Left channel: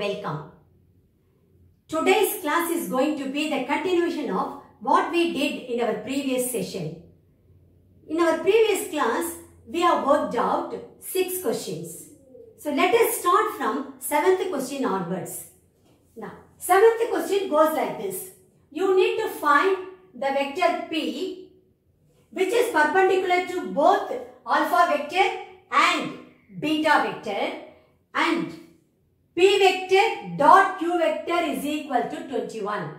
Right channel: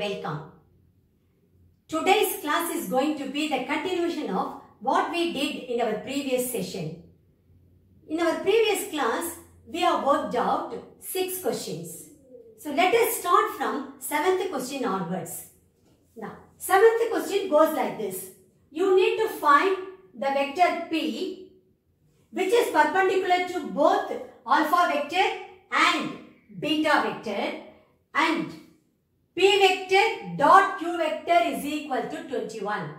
welcome. Today's class is going to be the continuation of what we did in our previous session. In our previous class, we have worked out 6 questions. So let us start from 7th question onwards. Now, 7th question goes like this. You need to find the vector P which is perpendicular to both alpha vector and beta vector, and P vector dot Q vector is equal to 21,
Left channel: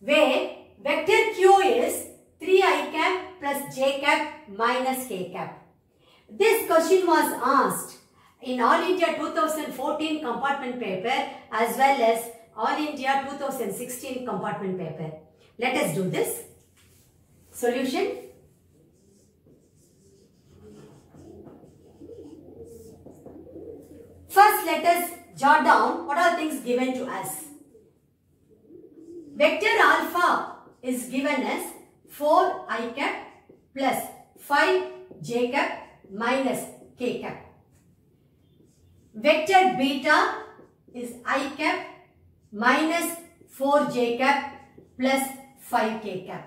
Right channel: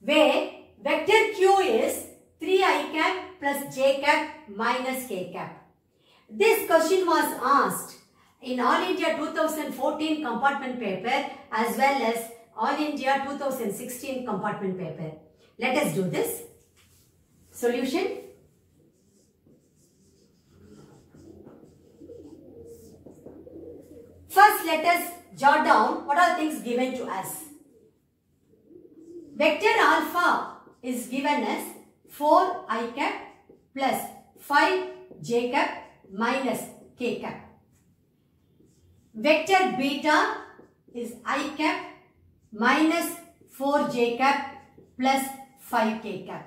where vector Q is 3i cap plus j cap minus k cap. This question was asked in All India 2014 compartment paper as well as All India 2016 compartment paper. Let us do this. Solution. First, let us jot down what are things given to us. Vector alpha is given as 4i cap plus 5j cap minus k cap. Vector beta is I cap minus 4j cap plus 5k cap.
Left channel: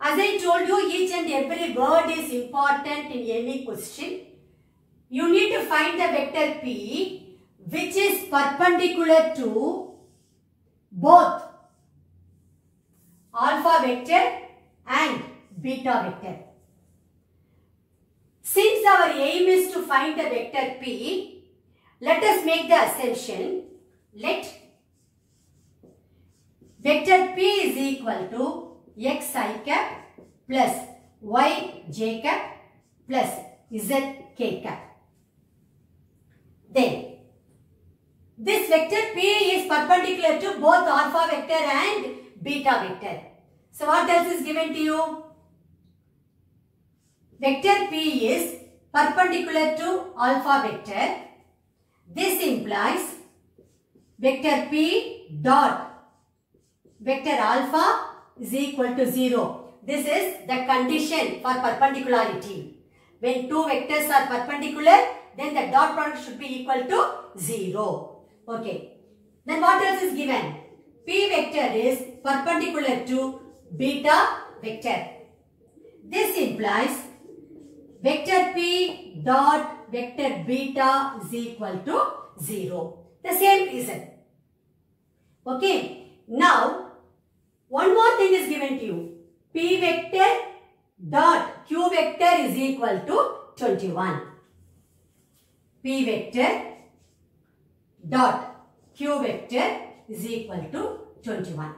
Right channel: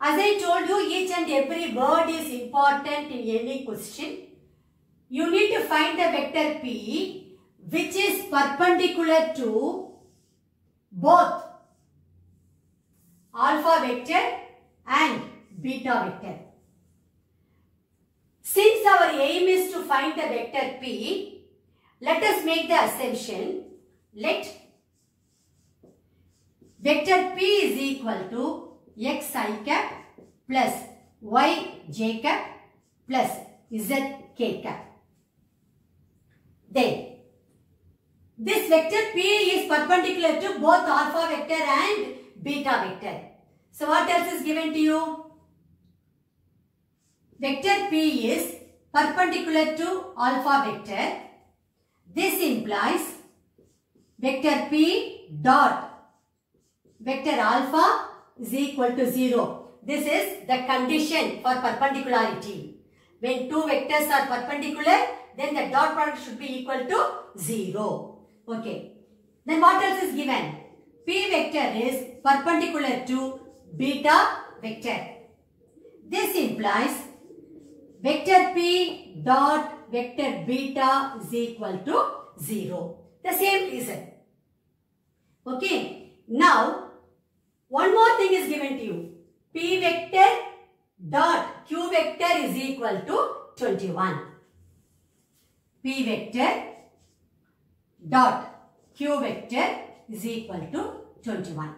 As I told you, each and every word is important in any question. You need to find the vector P which is perpendicular to both alpha vector and beta vector. Since our aim is to find the vector P, let us make the assumption. Let vector P is equal to xi cap plus yj cap plus zk cap. Then, this vector P is perpendicular to both alpha vector and beta vector. So, what else is given to you? Vector P is perpendicular to alpha vector. This implies vector P dot vector alpha is equal to 0. This is the condition for perpendicularity. When two vectors are perpendicular, then the dot product should be equal to 0. Okay. Then what else is given? P vector is perpendicular to beta vector. This implies vector P dot vector beta is equal to 0. The same reason. Okay. Now, one more thing is given to you. P vector dot Q vector is equal to 21. P vector dot Q vector is equal to 21.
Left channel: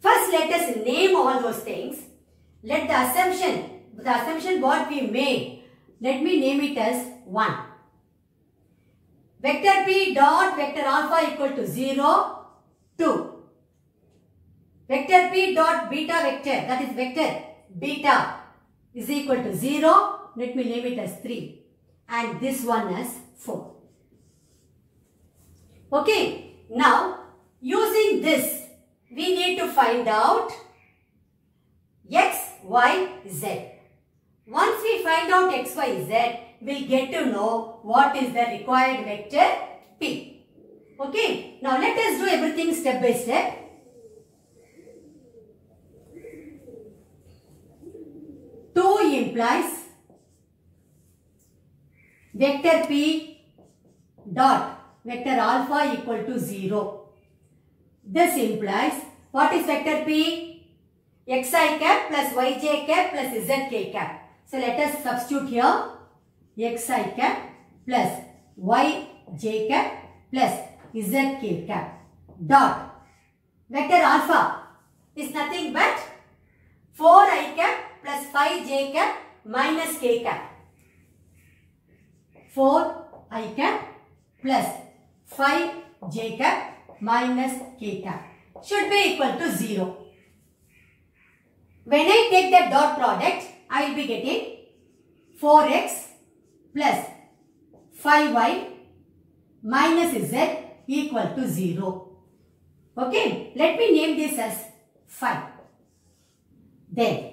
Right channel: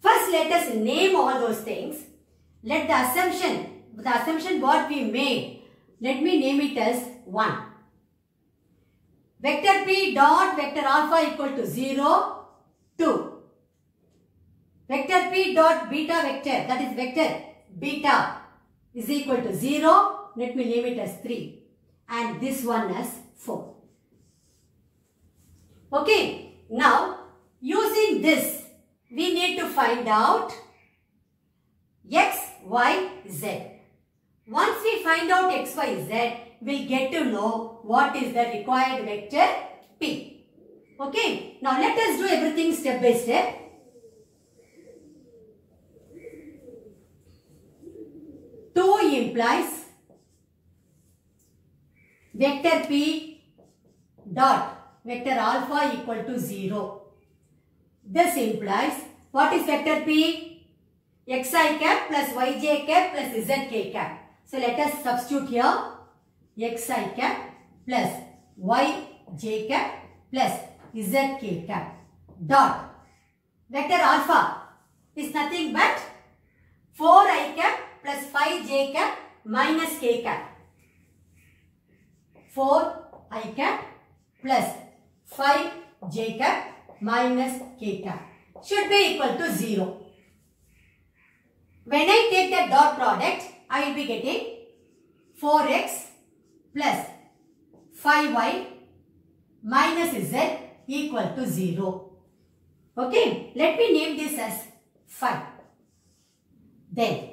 First, let us name all those things. Let the assumption what we made, let me name it as 1. Vector P dot vector alpha equal to 0, 2. Vector P dot beta vector, that is vector beta is equal to 0. Let me name it as 3. And this one as 4. Okay. Now, using this, we need to find out x, y, z. Once we find out x, y, z, we'll get to know what is the required vector P. Okay. Now, let us do everything step by step. Two implies vector P dot vector alpha equal to 0. This implies what is vector P? Xi cap plus yj cap plus zk cap. So let us substitute here xi cap plus yj cap plus zk cap dot vector alpha is nothing but 4i cap plus 5j cap minus k cap. 4i cap plus 5j cap minus k cap should be equal to 0. When I take the dot product, I will be getting 4x plus 5y minus z equal to 0. Okay, let me name this as 5. Then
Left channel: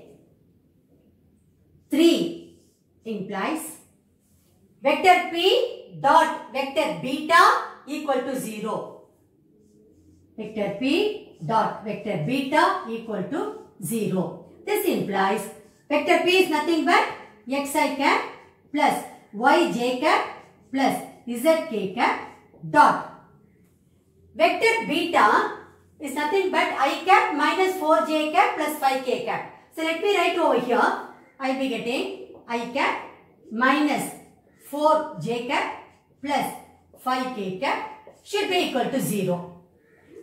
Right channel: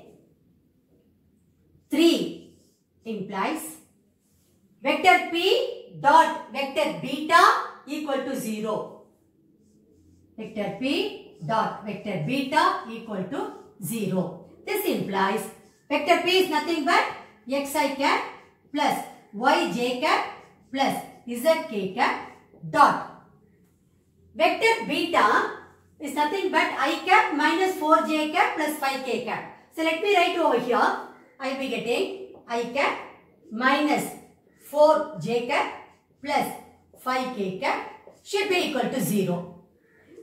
3 implies vector P dot vector beta equal to 0. Vector P dot vector beta equal to 0. This implies vector P is nothing but xi cap plus yj cap plus zk cap dot. Vector beta is nothing but I cap minus 4j cap plus 5k cap. So let me write over here. I will be getting I cap minus 4j cap plus 5k cap should be equal to 0.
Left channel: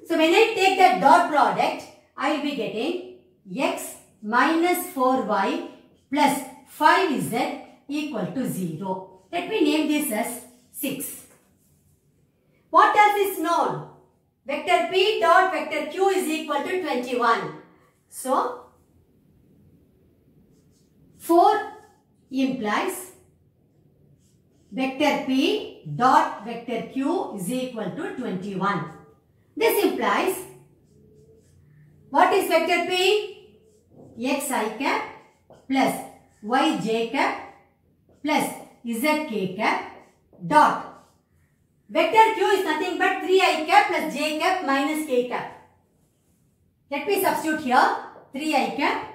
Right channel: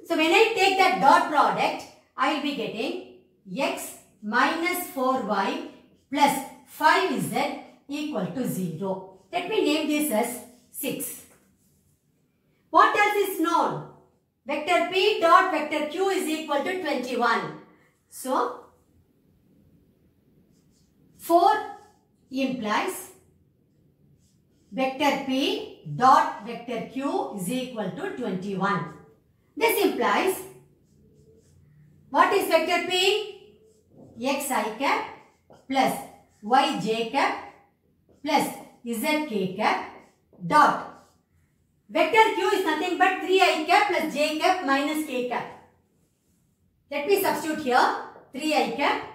So when I take the dot product, I will be getting x minus 4y plus 5z equal to 0. Let me name this as 6. What else is known? Vector P dot vector Q is equal to 21. So 4 implies vector P dot vector Q is equal to 21. This implies what is vector P? Xi cap plus yj cap plus zk cap dot. Vector Q is nothing but 3i cap plus j cap minus k cap. Let me substitute here 3i cap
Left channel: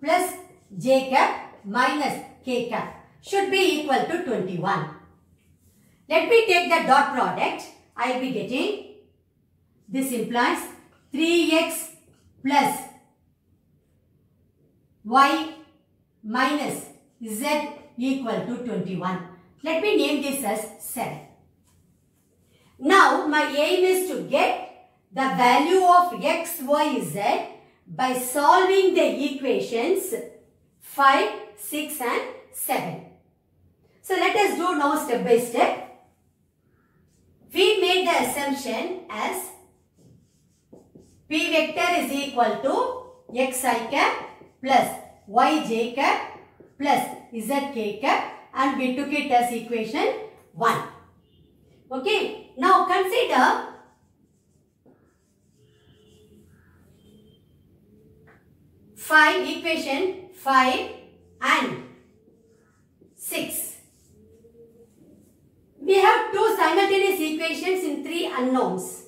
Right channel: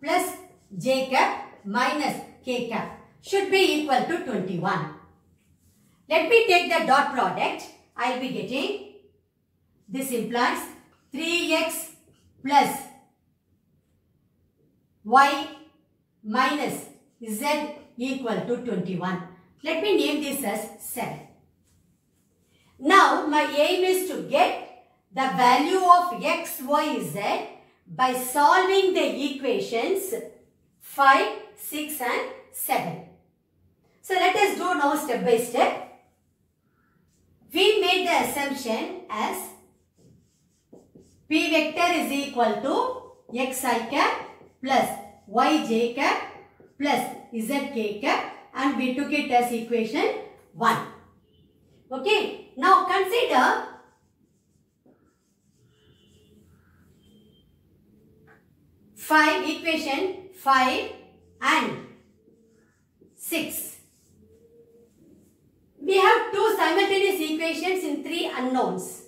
plus j cap minus k cap should be equal to 21. Let me take the dot product. I will be getting, this implies 3x plus y minus z equal to 21. Let me name this as 7. Now my aim is to get the value of x, y, z by solving the equations 5, 6 and 7. So let us do now step by step. We made the assumption as P vector is equal to xi cap plus yj cap plus zk cap, and we took it as equation 1. Okay. Now consider equation 5 and 6. We have two simultaneous equations in 3 unknowns.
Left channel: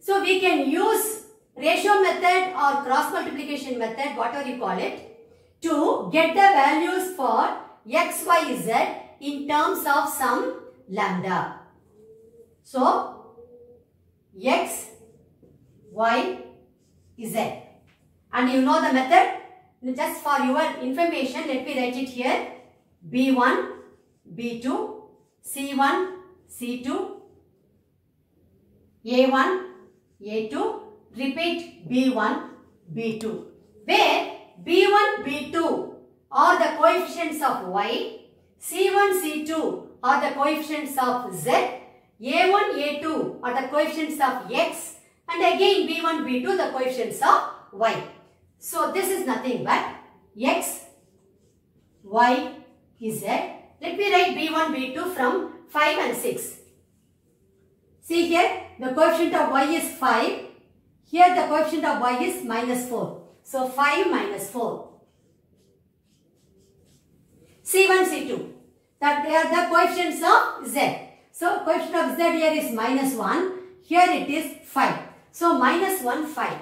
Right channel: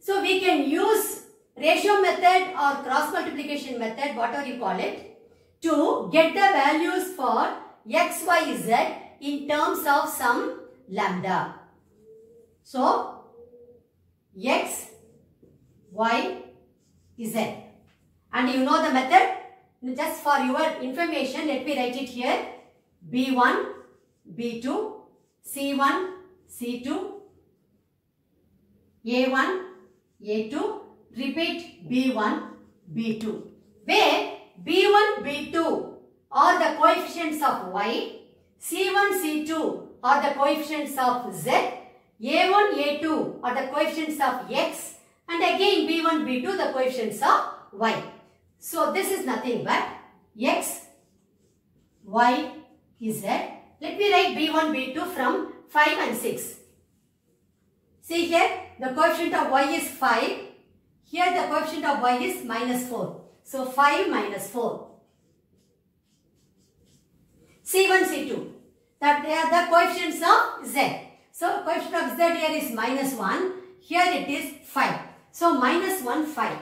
So we can use ratio method or cross multiplication method, whatever you call it, to get the values for x, y, z in terms of some lambda. So x, y, z. And you know the method. Just for your information, let me write it here. B1, B2, C1, C2, A1, A2, repeat B1, B2. Where B1, B2 are the coefficients of y, C1, C2 are the coefficients of z, A1, A2 are the coefficients of x, and again B1, B2 the coefficients of y. So this is nothing but x, y, z. Let me write B1, B2 from 5 and 6. See here, the coefficient of y is 5. Here the coefficient of y is minus 4. So 5 minus 4. C1, C2. That they are the coefficients of z. So coefficient of z here is minus 1. Here it is 5. So minus 1, 5.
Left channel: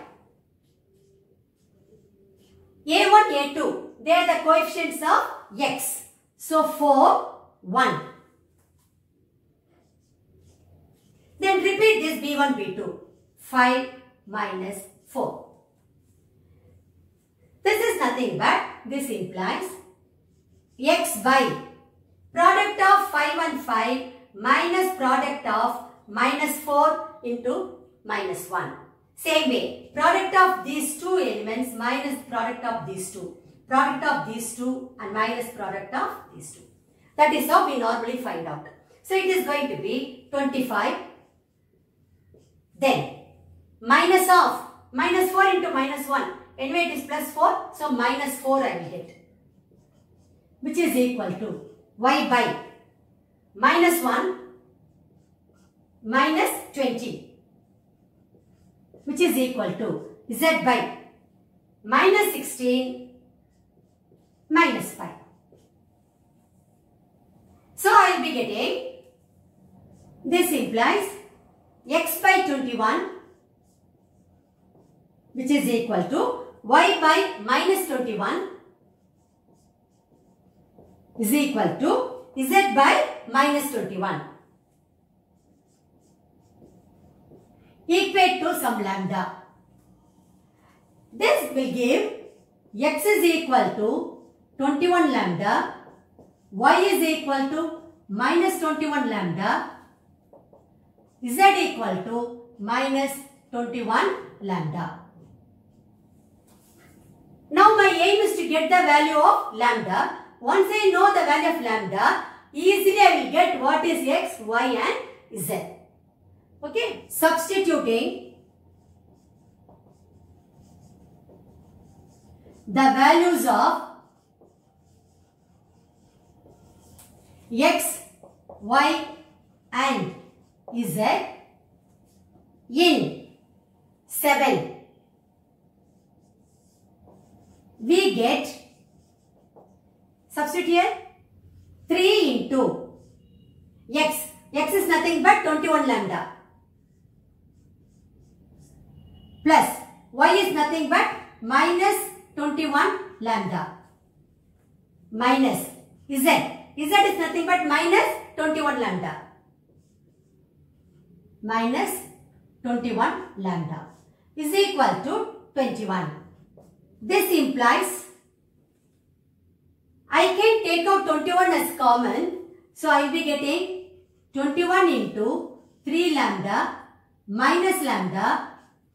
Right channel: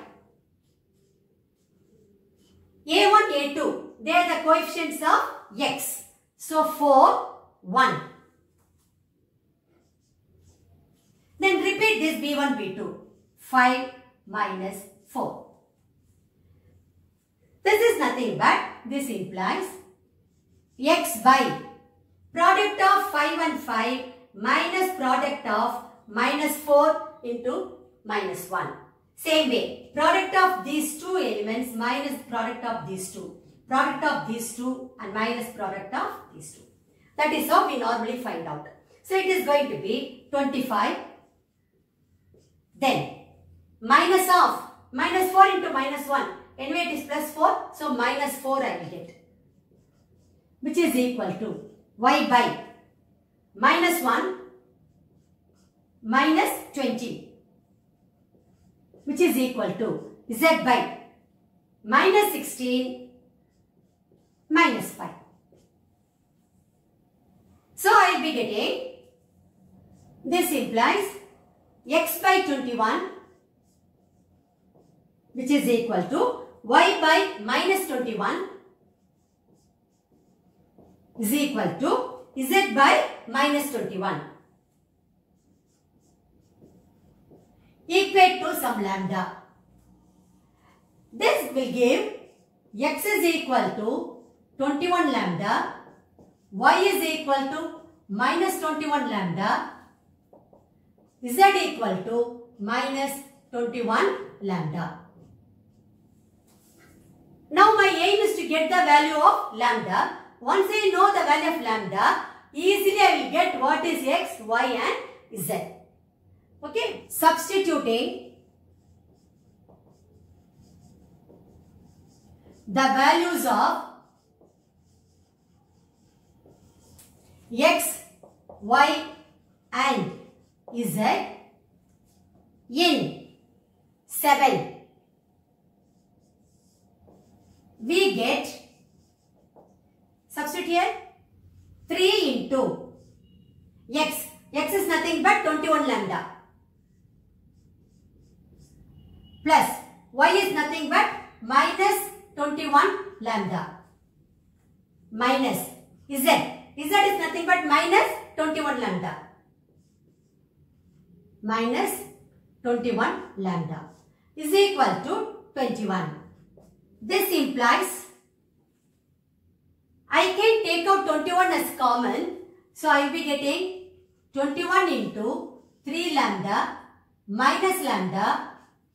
A1, A2. They are the coefficients of x. So 4, 1. Then repeat this B1, B2. 5 minus 4. This is nothing but, this implies x by product of 5 and 5 minus product of minus 4 into minus 1. Same way, product of these two elements minus product of these two. Product of these two and minus product of these two. That is how we normally find out. So it is going to be 25. Then minus of minus 4 into minus 1. Anyway it is plus 4. So minus 4 I will get. Which is equal to y by minus 1 minus 20. Which is equal to z by minus 16 minus 5. So I will be getting This implies x by 21, which is equal to y by minus 21 is equal to z by minus 21. Equate to some lambda. This will give x is equal to 21 lambda, y is equal to minus 21 lambda, z equal to minus 21 lambda. Now my aim is to get the value of lambda. Once I know the value of lambda, easily I will get what is x, y and z. Okay, substituting the values of x, y and z in 7. We get, substitute here, 3 into x. X is nothing but 21 lambda. Plus y is nothing but minus 21 lambda. Minus z. Z is nothing but minus 21 lambda. Minus 21 lambda is equal to 21. This implies I can take out 21 as common. So I will be getting 21 into 3 lambda minus lambda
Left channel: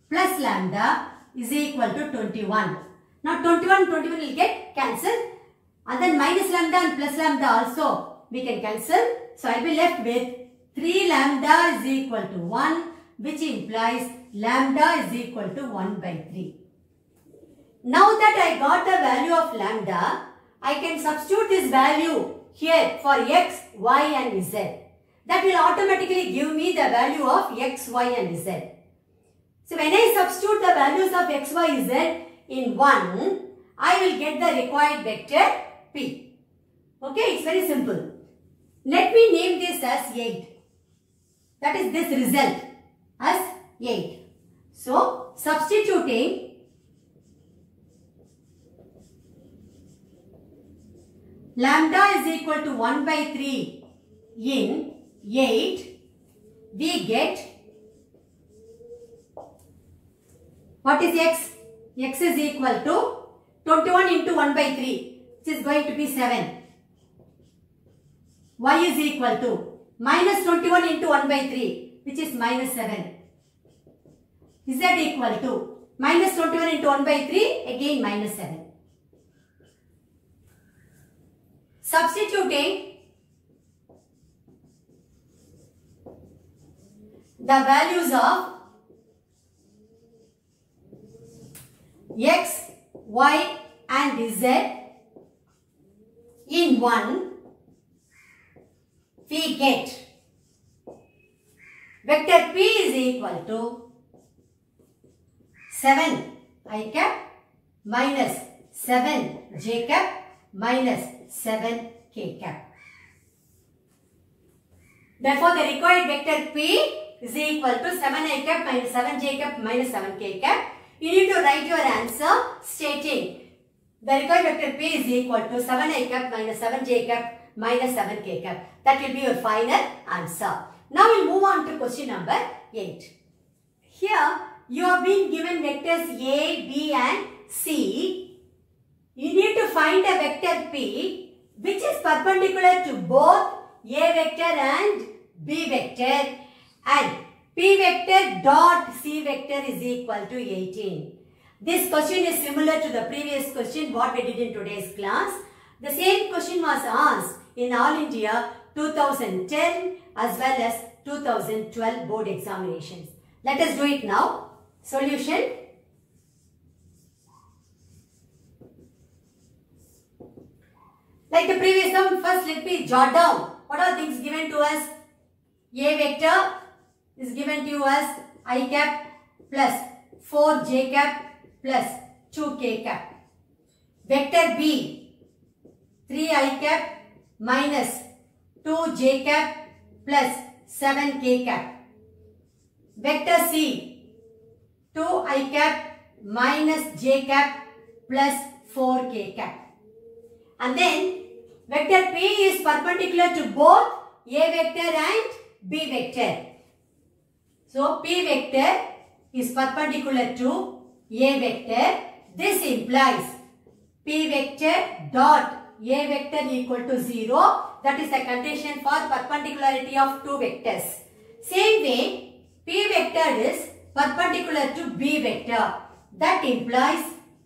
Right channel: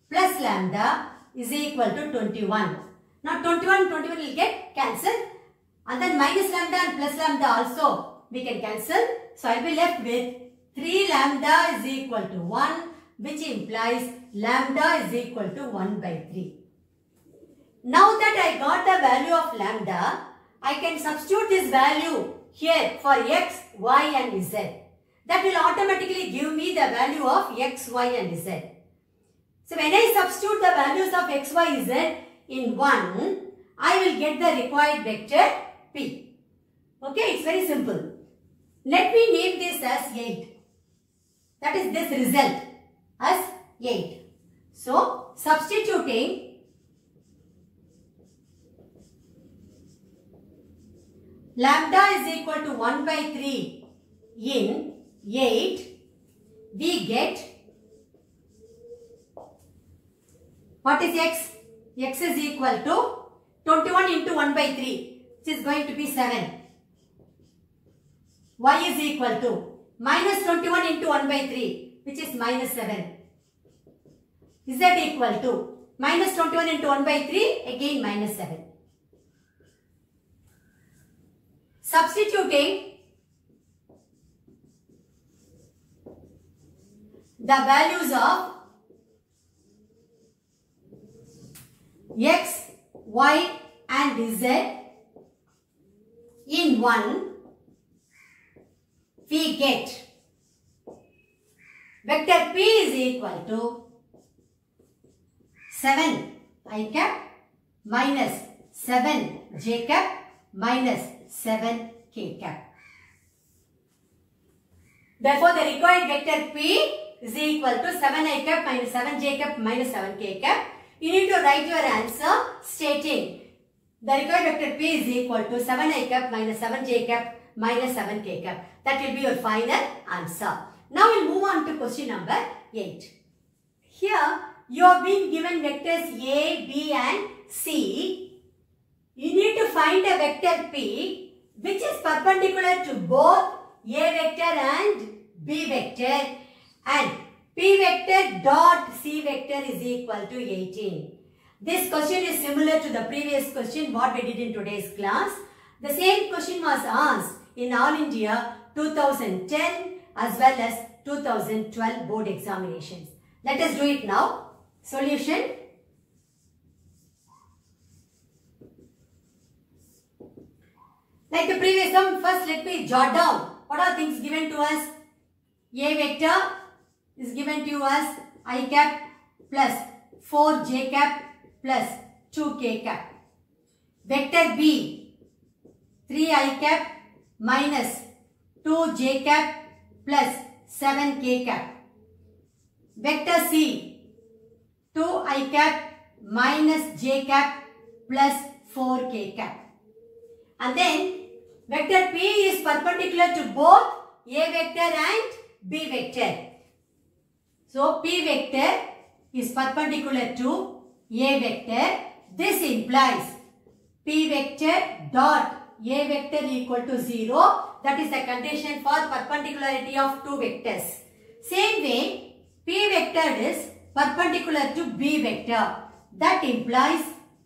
plus lambda is equal to 21. Now 21 will get cancelled, and then minus lambda and plus lambda also we can cancel. So I will be left with 3 lambda is equal to 1, which implies lambda is equal to 1 by 3. Now that I got the value of lambda, I can substitute this value here for x, y and z. That will automatically give me the value of x, y and z. So when I substitute the values of x, y, z in 1, I will get the required vector p. Okay, it's very simple. Let me name this as 8. That is this result as 8. So substituting lambda is equal to 1 by 3 in 8, we get, what is x? X is equal to 21 into 1 by 3, which is going to be 7. Y is equal to minus 21 into 1 by 3, which is minus 7. Z equal to minus 21 into 1 by 3, again minus 7. Substituting the values of x, y and z in 1, we get vector p is equal to 7 I cap minus 7 j cap minus 7 k cap. Therefore, the required vector p is equal to 7 I cap minus 7 j cap minus 7 k cap. You need to write your answer stating the required vector p is equal to 7 I cap minus 7 j cap minus 7 k cap. That will be your final answer. Now we will move on to question number 8. Here you are being given vectors a, b and c. You need to find a vector p which is perpendicular to both a vector and b vector, and p vector dot c vector is equal to 18. This question is similar to the previous question what we did in today's class. The same question was asked in All India 2010 as well as 2012 board examinations. Let us do it now. Solution. Like the previous one, first let me jot down what are things given to us. A vector is given to you as I cap plus 4 j cap plus 2 k cap. Vector B 3 I cap minus 2 j cap plus 7k cap. Vector C, 2i cap minus j cap plus 4k cap. And then vector P is perpendicular to both A vector and B vector. So P vector is perpendicular to A vector. This implies P vector dot A vector equal to 0. That is the condition for perpendicularity of two vectors. Same way, P vector is perpendicular to B vector. That implies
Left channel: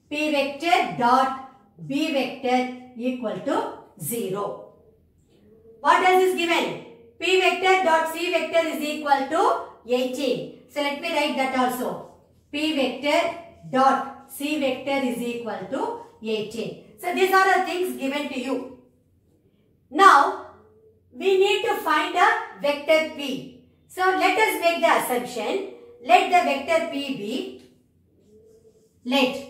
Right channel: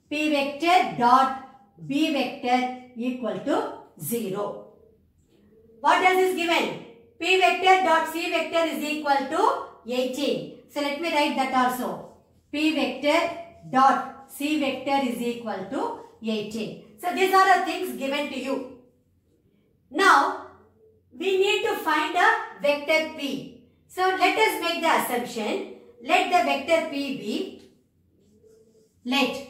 P vector dot B vector equal to 0. What else is given? P vector dot C vector is equal to 18. So let me write that also. P vector dot C vector is equal to 18. So these are the things given to you. Now we need to find a vector P. So let us make the assumption. Let the vector P be, let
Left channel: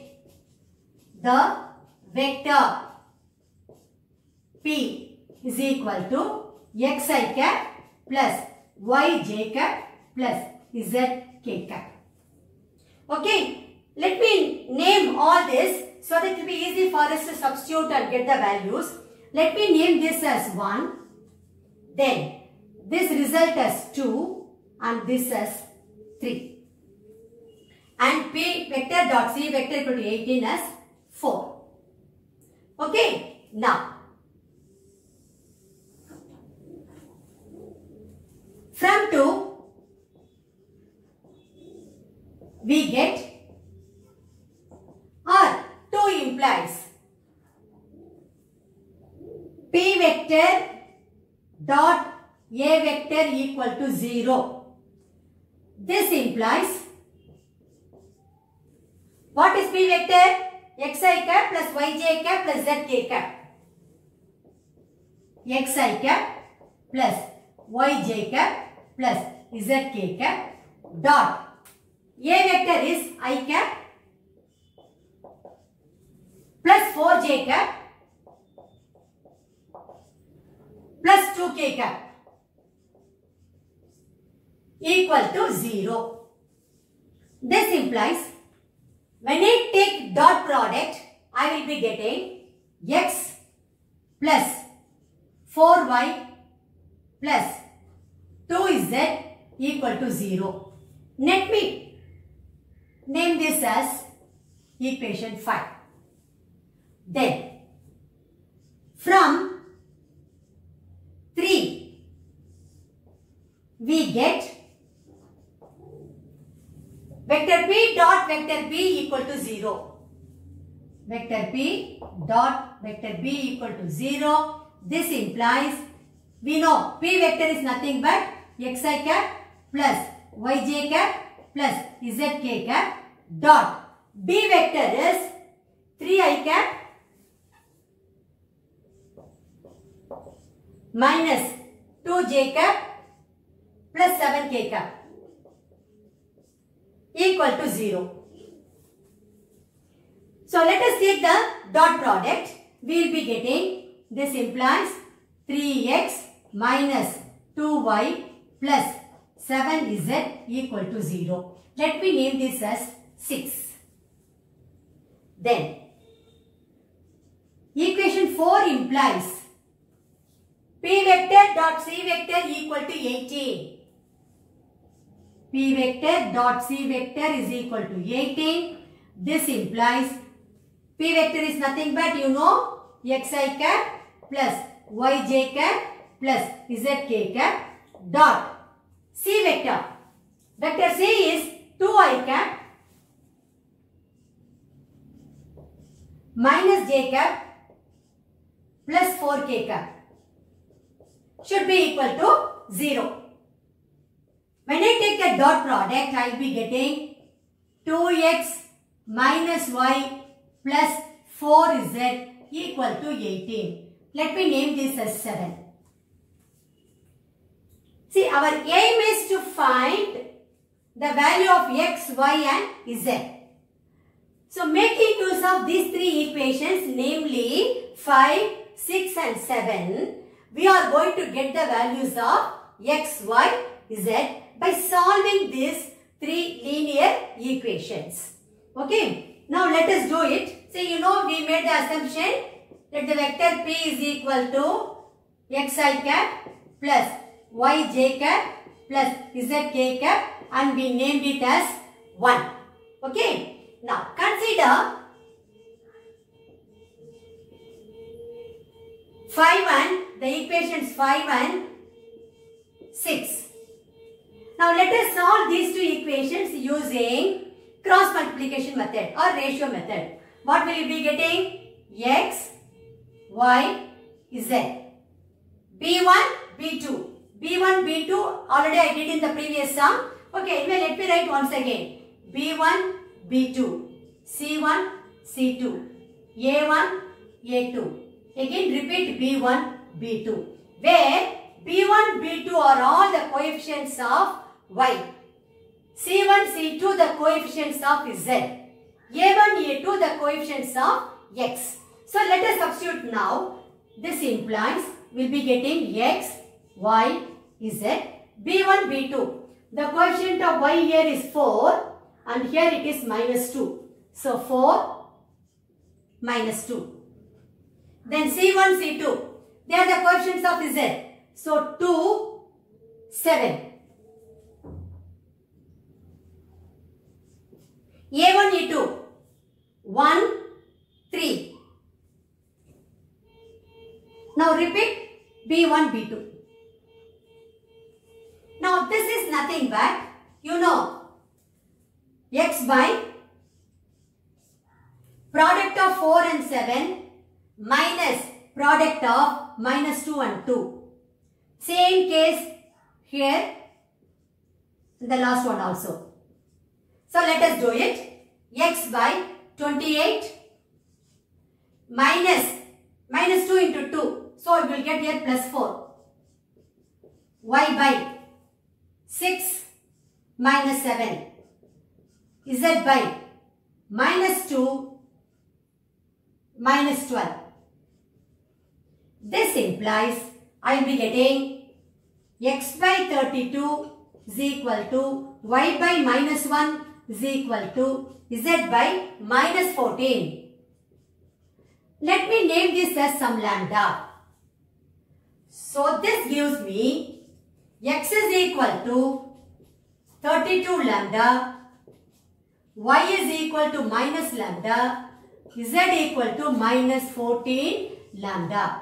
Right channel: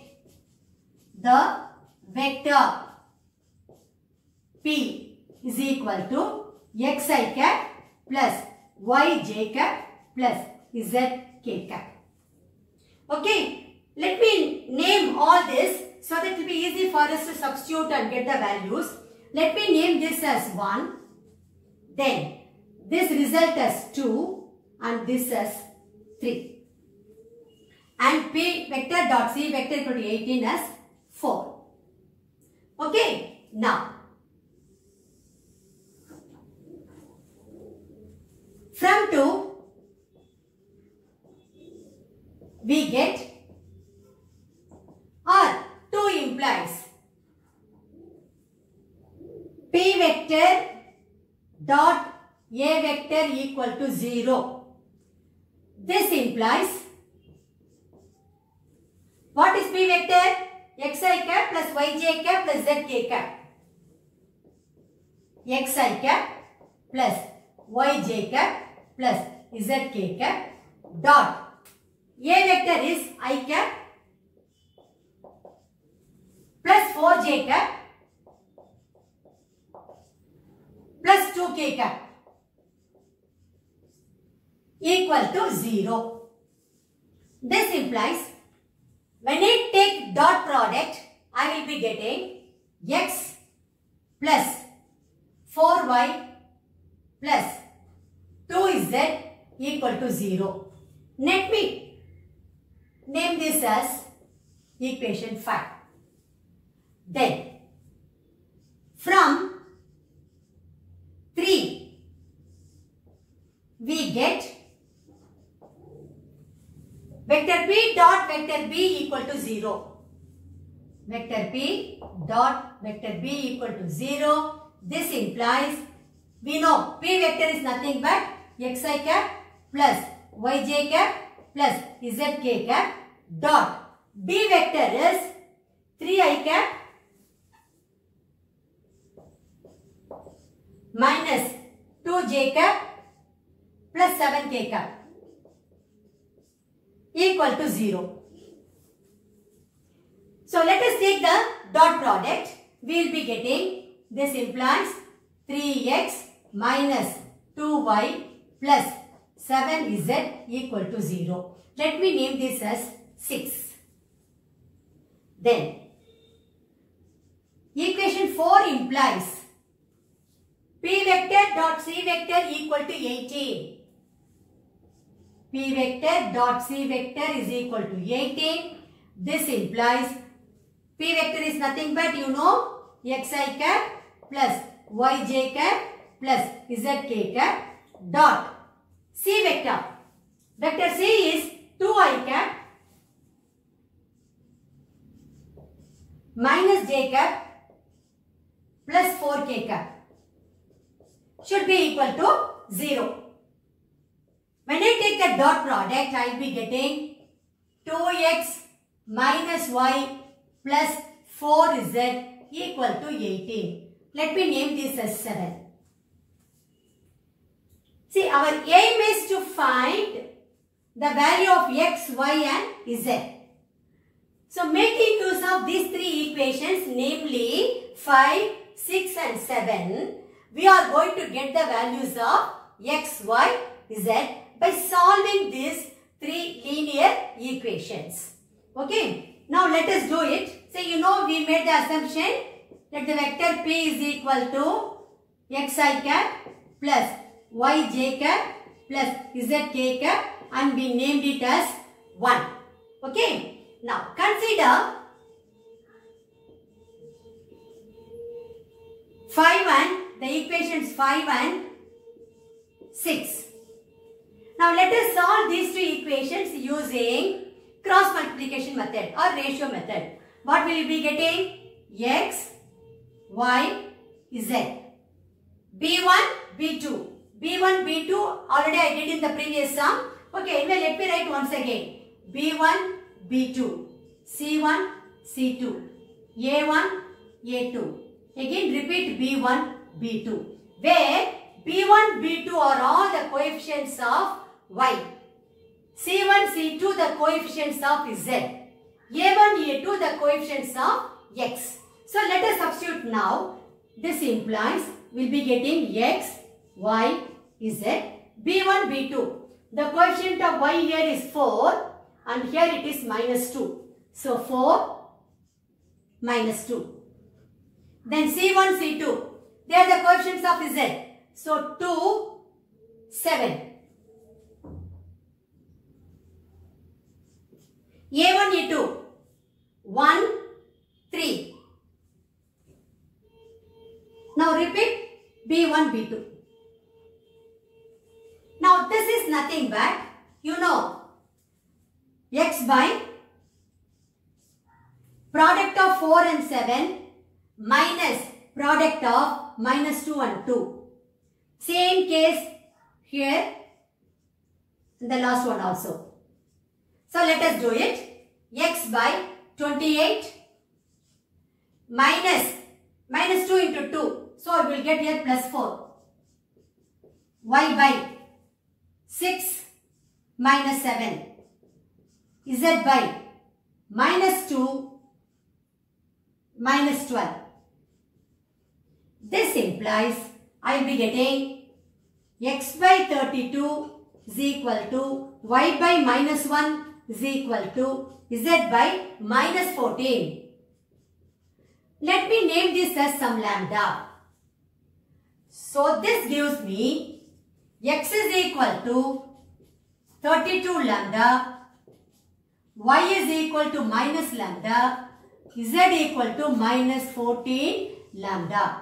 the vector P is equal to xi cap plus yj cap plus zk cap. Okay, let me name all this so that it will be easy for us to substitute and get the values. Let me name this as 1, then this result as 2 and this as 3. And P vector dot C vector equal to 18 as 4. Okay, now from 2 we get, or 2 implies P vector dot A vector equal to 0. This implies, what is P vector? Xi cap plus yj cap plus zk cap. Xi cap plus yj cap plus zk cap dot A vector is I cap plus 4j cap plus 2k cap equal to 0. This implies when I take dot product, I will be getting x plus 4y plus 2z equal to 0. Let me name this as equation 5. Then from 3 we get vector P dot vector B equal to 0. Vector P dot vector B equal to 0. This implies, we know P vector is nothing but xi cap plus yj cap plus zk cap dot B vector is 3i cap minus 2j cap plus 7k cap equal to 0. So let us take the dot product. We will be getting, this implies 3x minus 2y plus 7z equal to 0. Let me name this as 6. Then equation 4 implies P vector dot C vector equal to 18. P vector dot C vector is equal to 18. This implies P vector is nothing but, you know, xi cap plus yj cap plus zk cap dot C vector. Vector C is 2i cap minus j cap plus 4k cap should be equal to 0. When I take the dot product, I will be getting 2x minus y plus 4z equal to 18. Let me name this as 7. See, our aim is to find the value of x, y and z. So, making use of these three equations, namely 5, 6 and 7, we are going to get the values of x, y z by solving these three linear equations. Okay. Now let us do it. So you know we made the assumption that the vector p is equal to xi cap plus yj cap plus zk cap and we named it as 1. Okay. Now consider the equations 5 and 6. Now let us solve these two equations using cross multiplication method or ratio method. What will you be getting? X, Y, Z. B1, B2. B1, B2 already I did in the previous sum. Okay, anyway, let me write once again. B1, B2. C1, C2. A1, A2. Again repeat B1, B2. Where B1, B2 are all the coefficients of Y. C1, C2 the coefficients of Z. A1, A2 the coefficients of X. So let us substitute now. This implies we will be getting X, Y, Z. B1, B2. The coefficient of Y here is 4 and here it is minus 2. So 4 minus 2. Then C1, C2. They are the coefficients of Z. So 2, 7. A1, A2. 1, 3. Now repeat B1, B2. Now this is nothing but, you know, X by product of 4 and 7 minus product of minus 2 and 2. Same case here, the last one also. So let us do it. X by 28 minus 2 into 2. So we will get here plus 4. Y by 6 minus 7. Z by minus 2 minus 12. This implies I will be getting X by 32 is equal to Y by minus 1 is equal to Z by minus 14. Let me name this as some lambda. So this gives me X is equal to 32 lambda, Y is equal to minus lambda, Z equal to minus 14 lambda.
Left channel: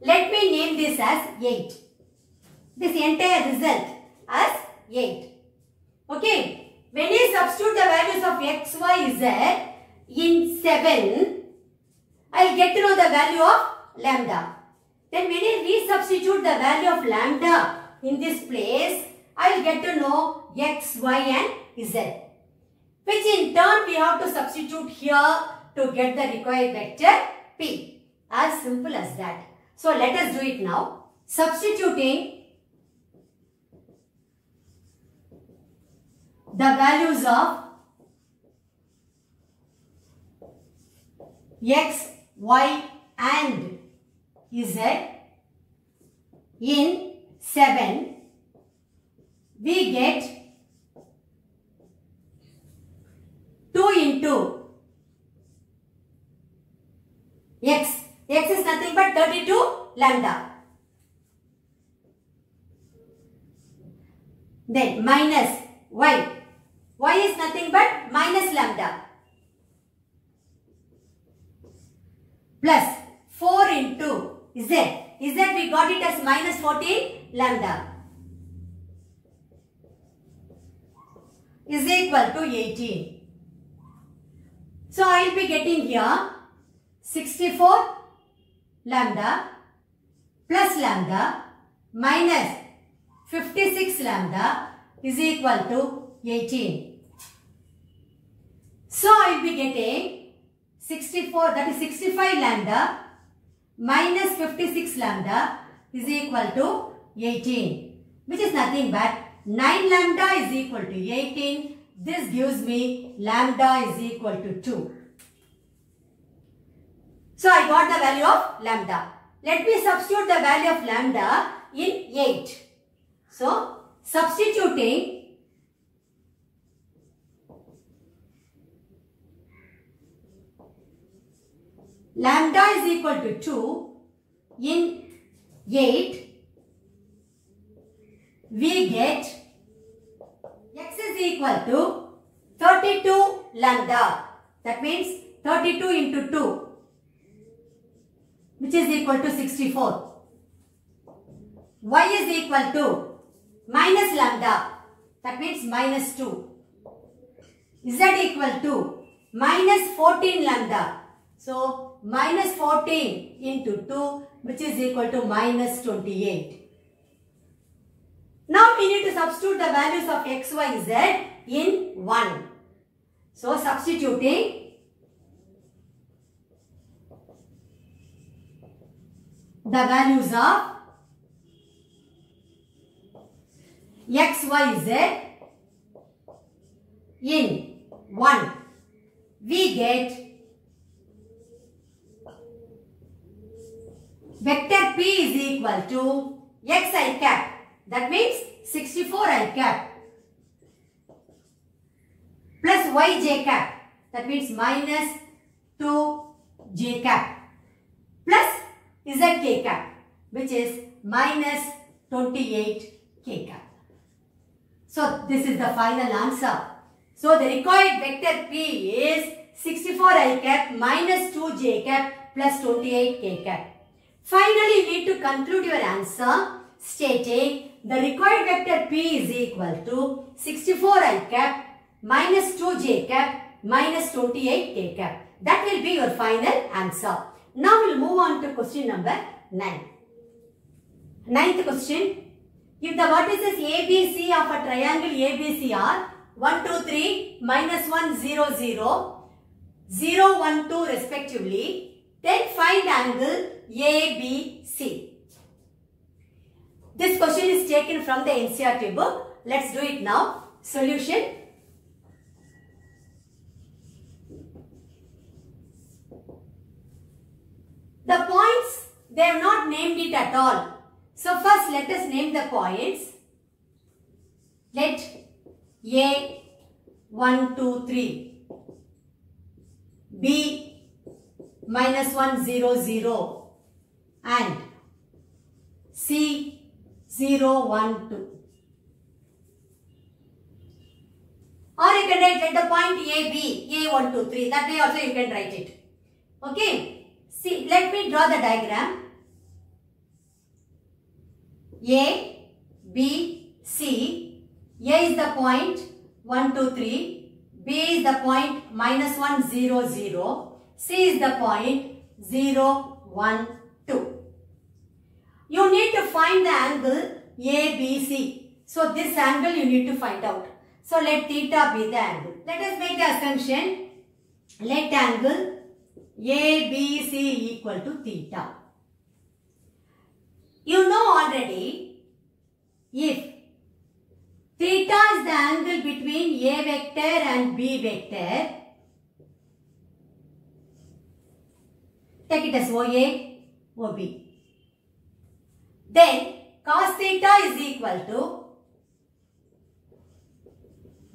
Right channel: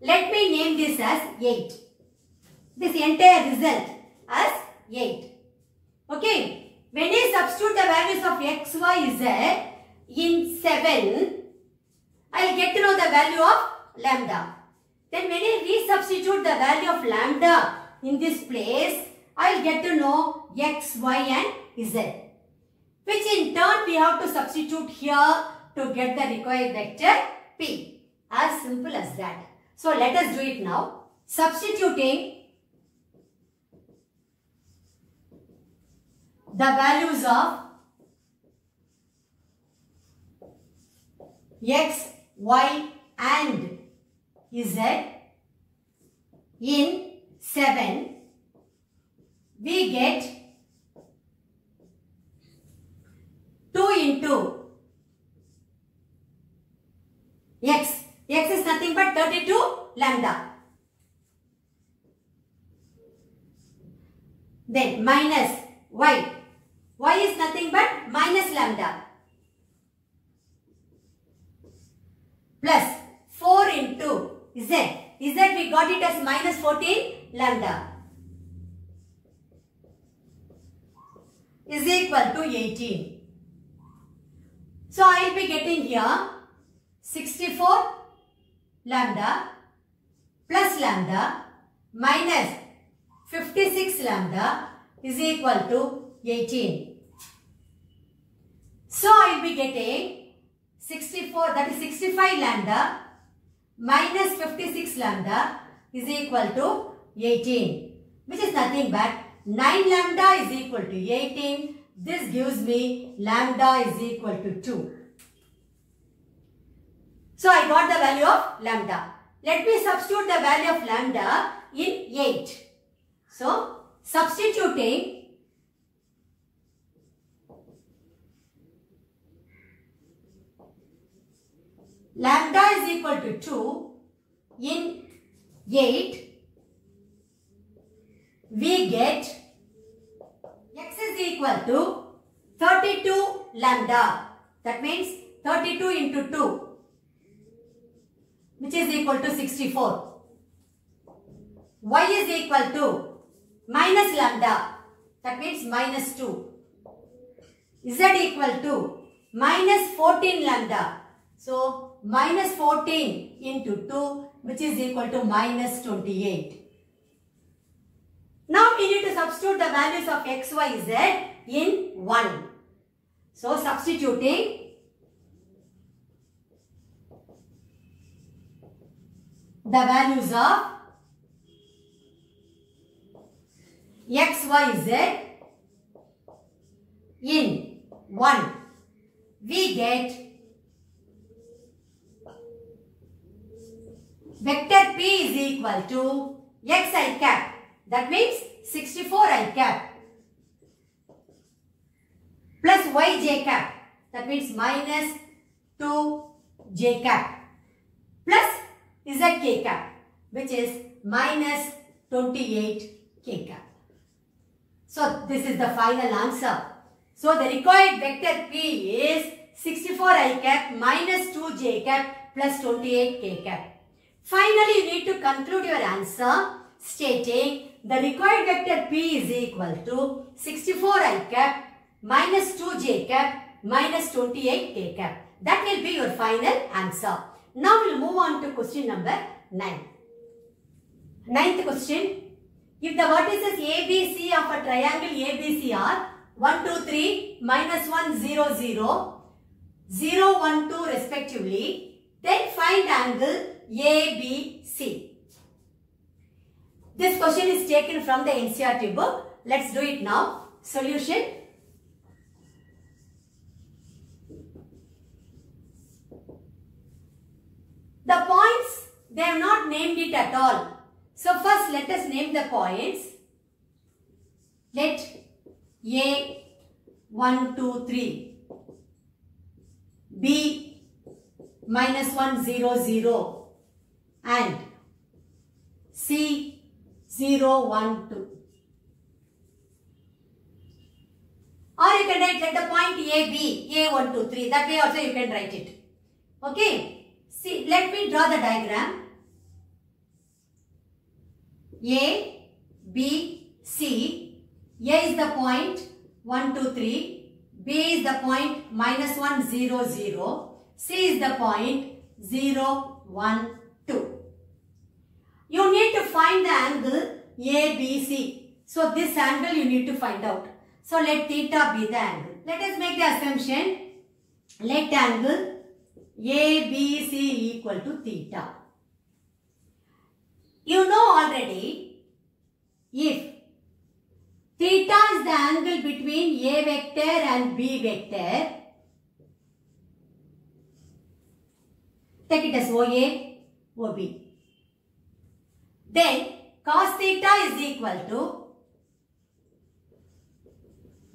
Let me name this as 8. This entire result as 8. Okay. When you substitute the values of X, Y, Z in 7, I will get to know the value of lambda. Then when you resubstitute the value of lambda in this place, I will get to know X, Y and Z. Which in turn we have to substitute here to get the required vector P. As simple as that. So let us do it now. Substituting the values of X, Y and Z in 7, we get 2 into X. X is nothing but 32 lambda. Then minus Y. Y is nothing but minus lambda. Plus 4 into Z. Z we got it as minus 14 lambda. Is equal to 18. So I will be getting here 64 lambda plus lambda minus 56 lambda is equal to 18. So I will be getting 64, that is 65 lambda minus 56 lambda is equal to 18, which is nothing but 9 lambda is equal to 18. This gives me lambda is equal to 2. So I got the value of lambda. Let me substitute the value of lambda in 8. So, substituting lambda is equal to 2 in 8, we get x is equal to 32 lambda. That means 32 into 2, which is equal to 64. Y is equal to minus lambda. That means minus 2. Z equal to minus 14 lambda. So, minus 14 into 2, which is equal to minus 28. Now, we need to substitute the values of x, y, z in 1. So, substituting the values of x, y, z in 1, we get vector p is equal to x I cap. That means 64 I cap plus y j cap. That means minus 2 j cap plus z k cap, which is minus 28 k cap. So, this is the final answer. So, the required vector p is 64 I cap minus 2 j cap plus 28 k cap. Finally, you need to conclude your answer stating the required vector p is equal to 64 I cap minus 2 j cap minus 28 k cap. That will be your final answer. Now, we will move on to question number 9. Ninth question. If the vertices ABC of a triangle ABC are 1, 2, 3, minus 1, 0, 0, 0, 1, 2 respectively, then find angle ABC. This question is taken from the NCERT book. Let's do it now. Solution. The points, they have not named it at all. So first let us name the points. Let A 1, 2, 3, B minus 1, 0, 0 and C 0, 1, 2. Or you can write, let the point AB, A 1, 2, 3. That way also you can write it. Okay. See, let me draw the diagram. A, B, C. A is the point 1, 2, 3. B is the point minus 1, 0, 0. C is the point 0, 1, 2. You need to find the angle ABC. So, this angle you need to find out. So, let theta be the angle. Let us make the assumption. Let angle ABC equal to theta. You know already, if theta is the angle between A vector and B vector, take it as OA, OB. Then cos theta is equal to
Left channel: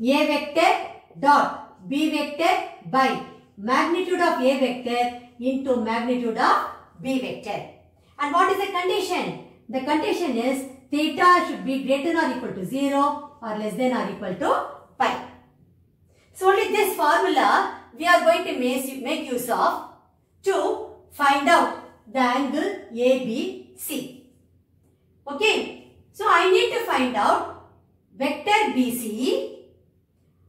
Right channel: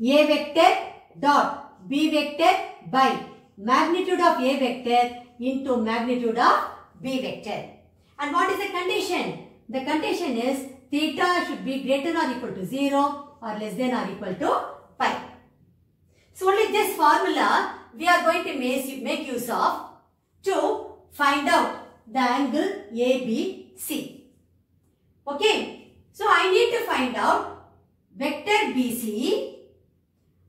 A vector dot B vector by magnitude of A vector into magnitude of B vector. And what is the condition? The condition is theta should be greater or equal to 0 or less than or equal to pi. So only this formula we are going to make use of to find out the angle ABC. Okay. So I need to find out vector BC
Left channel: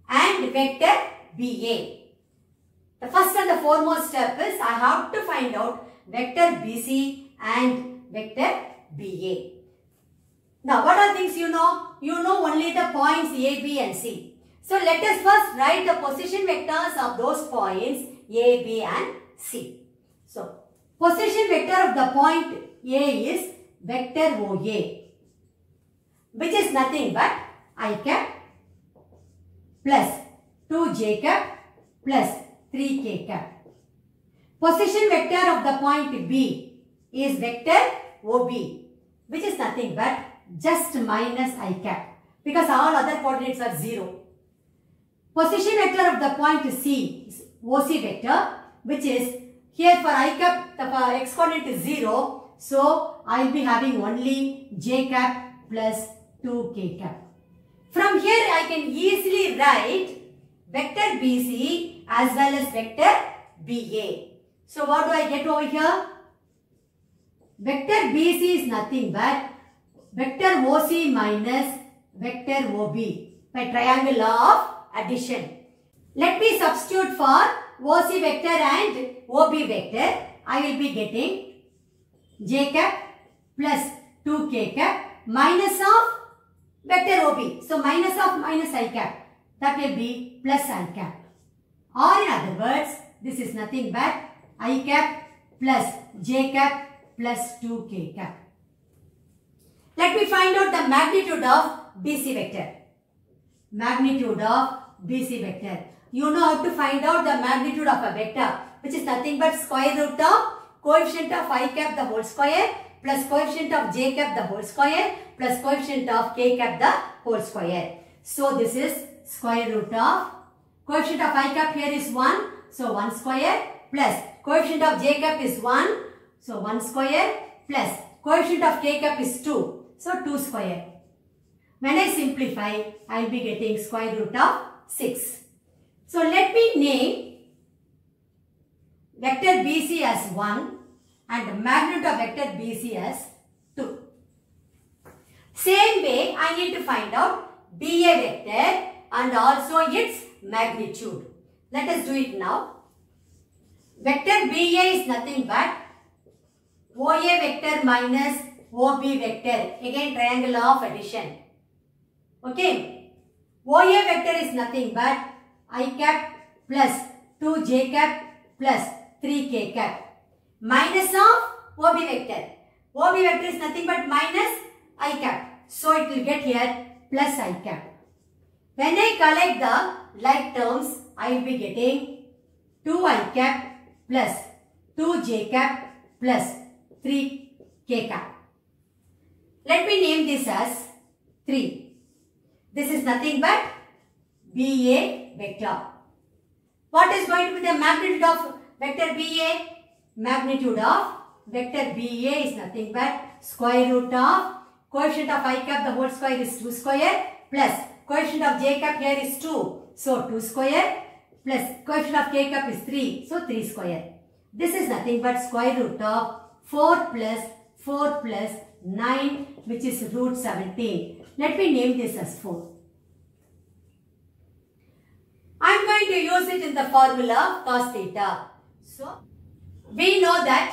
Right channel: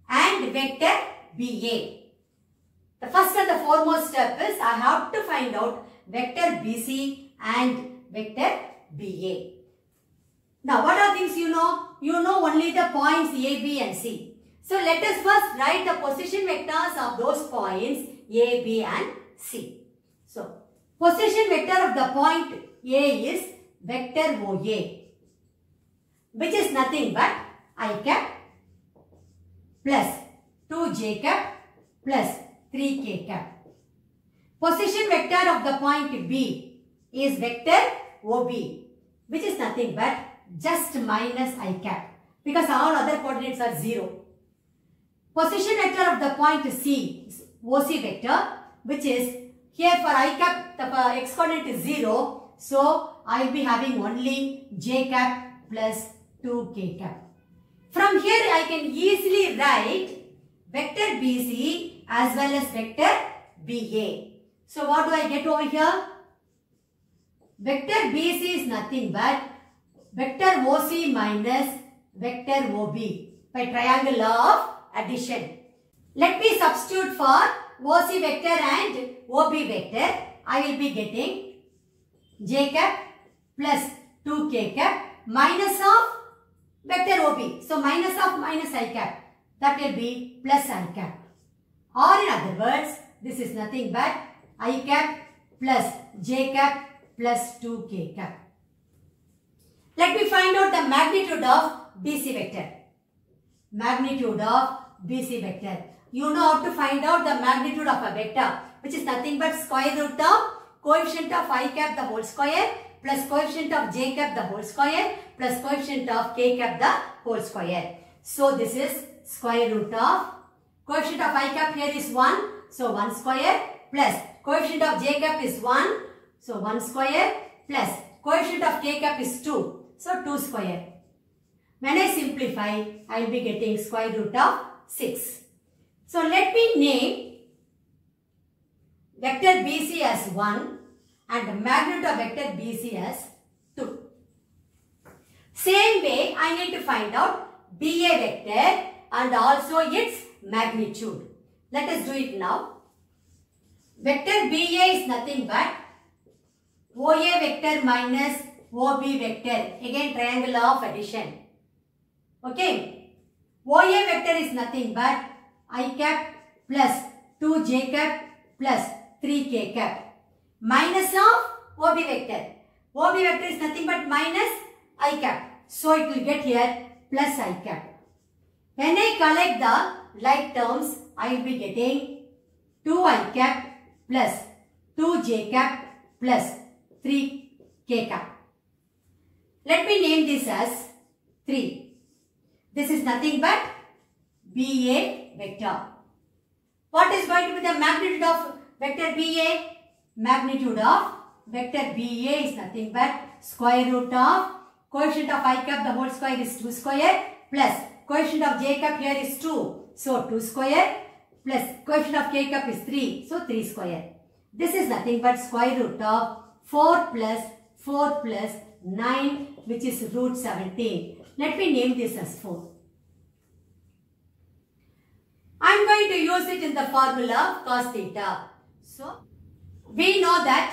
and vector BA. The first and the foremost step is I have to find out vector BC and vector BA. Now what are things you know? You know only the points A, B and C. So let us first write the position vectors of those points A, B and C. So position vector of the point A is vector OA, which is nothing but I cap plus 2j cap plus 3k cap. Position vector of the point B is vector OB, which is nothing but just minus I cap because all other coordinates are 0. Position vector of the point C is OC vector, which is here for I cap the x coordinate is 0. So I will be having only j cap plus 2k cap. From here I can easily write vector BC as well as vector BA. So what do I get over here? Vector BC is nothing but vector OC minus vector OB by triangle law of addition. Let me substitute for OC vector and OB vector. I will be getting j cap plus 2k cap minus of vector OB. So minus of minus I cap. That will be plus I cap. Or in other words, this is nothing but I cap plus j cap plus 2k cap. Let me find out the magnitude of BC vector. Magnitude of BC vector. You know how to find out the magnitude of a vector, which is nothing but square root of coefficient of I cap the whole square plus coefficient of j cap the whole square plus coefficient of k cap the whole square. So this is square root of coefficient of I cap here is 1. So 1 square plus coefficient of j cap is 1. So 1 square plus coefficient of k cap is 2. So 2 square. When I simplify, I will be getting square root of 6. So let me name vector BC as 1 and the magnitude of vector BC as 2. Same way, I need to find out BA vector and also its magnitude. Let us do it now. Vector BA is nothing but OA vector minus OB vector. Again, triangle law of addition. Okay. OA vector is nothing but I cap plus 2j cap plus 3k cap minus of OB vector. OB vector is nothing but minus I cap. So it will get here plus I cap. When I collect the like terms, I will be getting 2I cap plus 2j cap plus 3k cap. Let me name this as 3. This is nothing but BA vector. What is going to be the magnitude of vector BA? Magnitude of vector BA is nothing but square root of coefficient of I cap the whole square is 2 square plus coefficient of j cap here is 2. So 2 square plus coefficient of k cap is 3. So 3 square. This is nothing but square root of 4 plus 9, which is root 17. Let me name this as 4. I am going to use it in the formula cos theta. So, we know that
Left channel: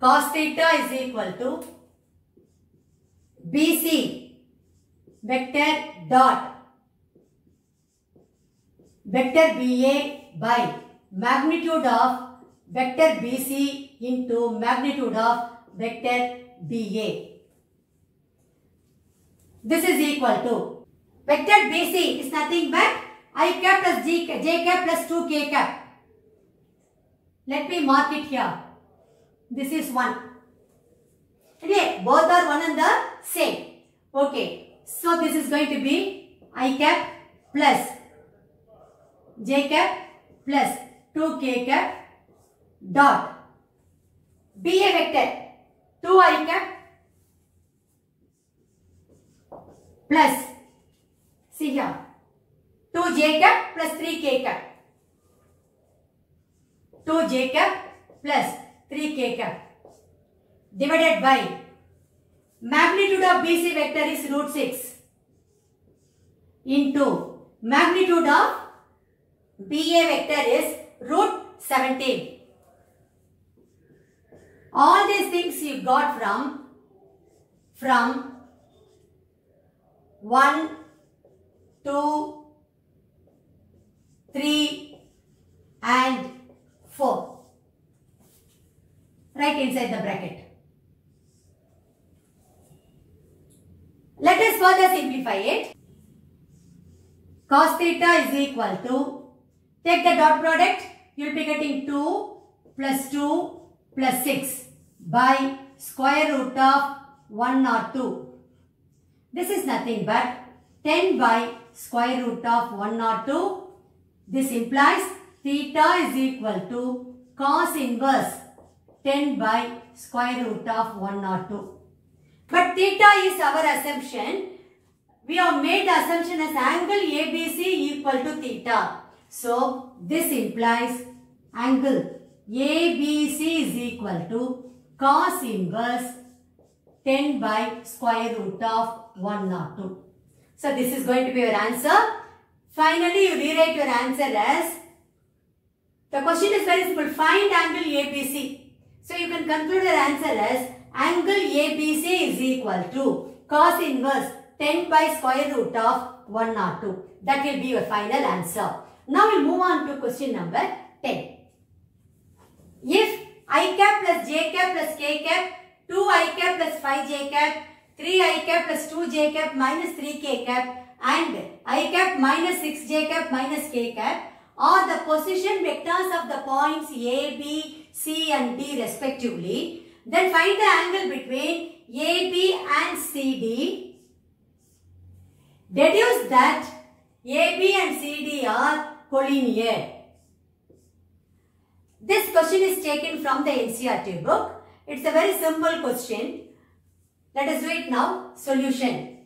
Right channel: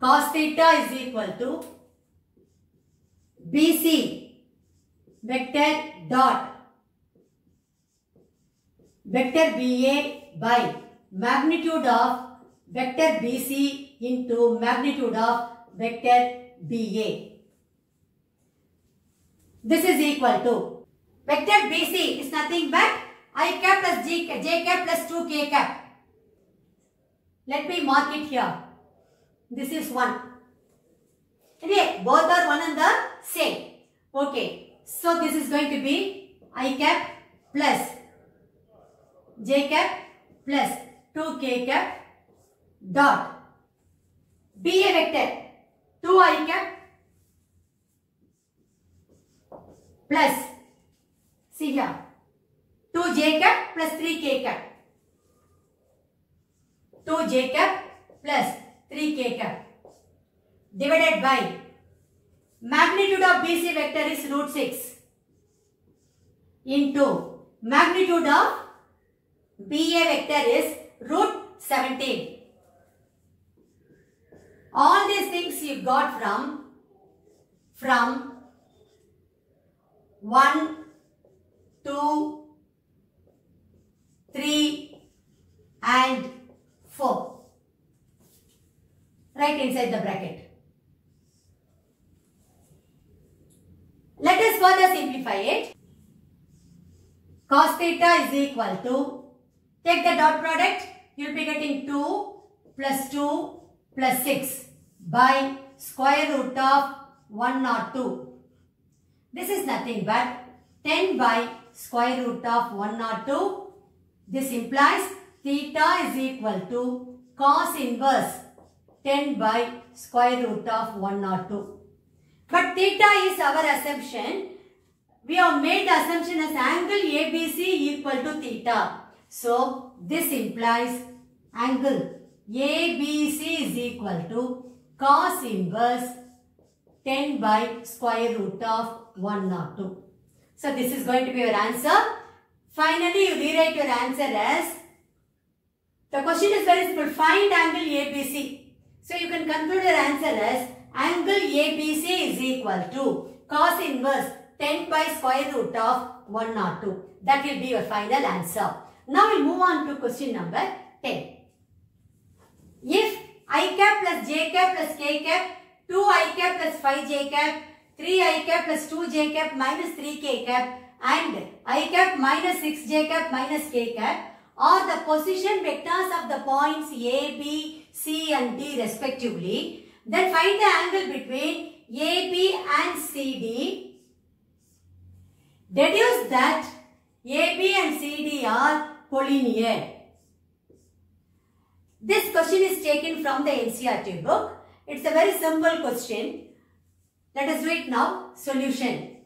cos theta is equal to BC vector dot vector BA by magnitude of vector BC into magnitude of vector BA. This is equal to vector BC is nothing but I cap plus j cap plus 2k cap. Let me mark it here. This is 1. Okay, both are one and the same. Okay, so this is going to be I cap plus j cap plus 2k cap dot BA vector 2I cap plus, see here, 2j cap plus 3k cap. 2j cap plus 3k cap divided by magnitude of BC vector is root 6 into magnitude of BA vector is root 17. All these things you got from 1, 2, 3 and 4. Right inside the bracket. Let us further simplify it. Cos theta is equal to, take the dot product, you will be getting 2 plus 2 plus 6 by square root of 102. This is nothing but 10 by square root of 102. This implies theta is equal to cos inverse 10 by square root of 102. But theta is our assumption. We have made the assumption as angle ABC equal to theta. So this implies angle ABC is equal to cos inverse 10 by square root of 102. So this is going to be your answer. Finally, you rewrite your answer as, the question is very simple, find angle ABC. So you can conclude your answer as angle ABC is equal to cos inverse 10 by square root of 102. That will be your final answer. Now we'll move on to question number 10. If I cap plus j cap plus k cap, 2i cap plus 5j cap, 3i cap plus 2j cap minus 3k cap and I cap minus 6j cap minus k cap are the position vectors of the points A, B, C and D respectively, then find the angle between AB and CD. Deduce that AB and CD are collinear. This question is taken from the NCERT book. It's a very simple question. Let us do it now. Solution.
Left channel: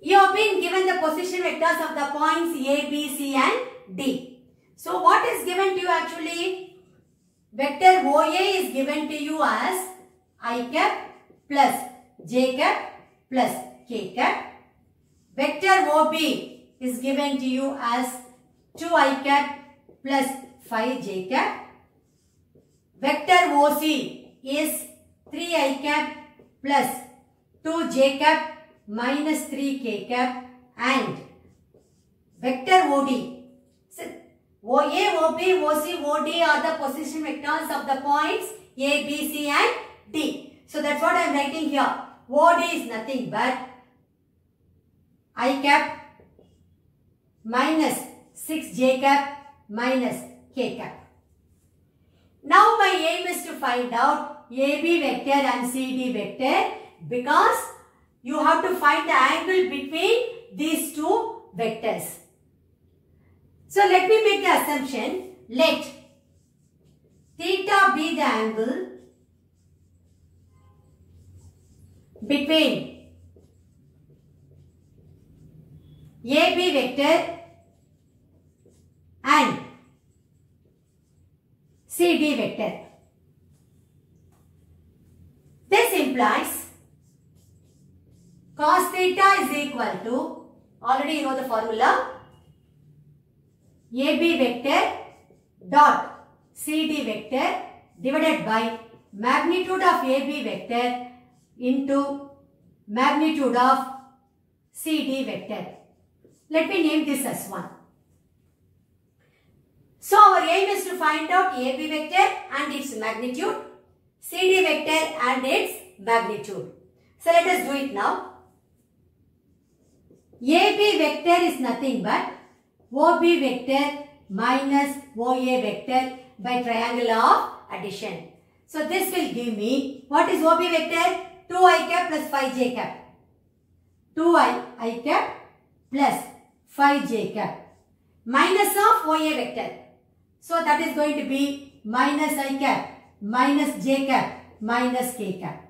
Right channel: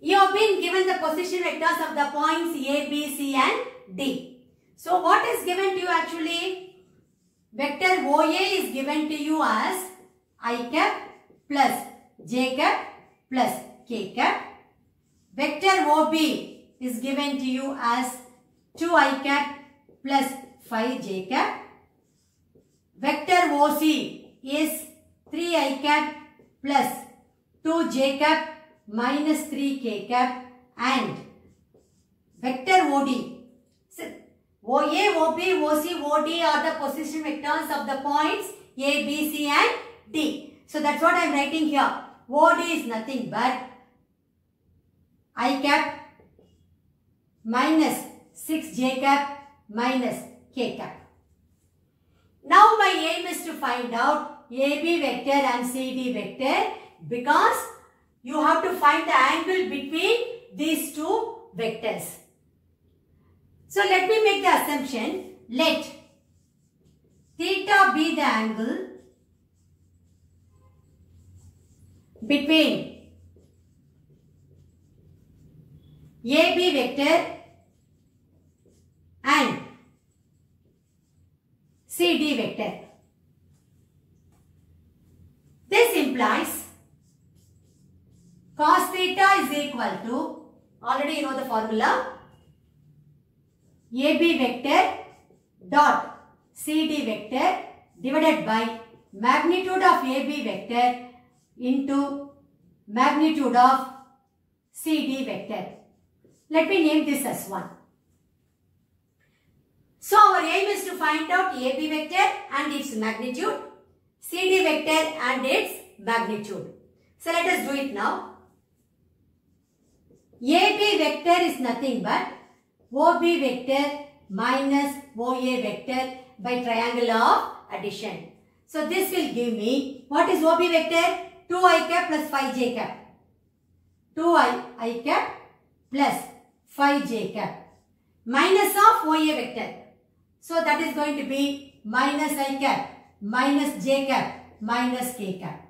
You have been given the position vectors of the points A, B, C and D. So what is given to you actually? Vector OA is given to you as I cap plus j cap plus k cap. Vector OB is given to you as 2i cap plus 5j cap. Vector OC is 3i cap plus 2j cap minus 3k cap and vector OD. So, OA, OB, OC, OD are the position vectors of the points A, B, C and D. So that's what I am writing here. OD is nothing but I cap minus 6j cap minus k cap. Now my aim is to find out AB vector and CD vector because you have to find the angle between these two vectors. So let me make the assumption. Let theta be the angle between AB vector and CD vector. This implies cos theta is equal to, already you know the formula, AB vector dot CD vector divided by magnitude of AB vector into magnitude of CD vector. Let me name this as 1. So our aim is to find out AB vector and its magnitude, CD vector and its magnitude. So let us do it now. AB vector is nothing but OB vector minus OA vector by triangle of addition. So this will give me, what is OB vector? 2i cap plus 5j cap. 2i cap plus 5j cap minus of OA vector. So that is going to be minus I cap minus j cap minus k cap.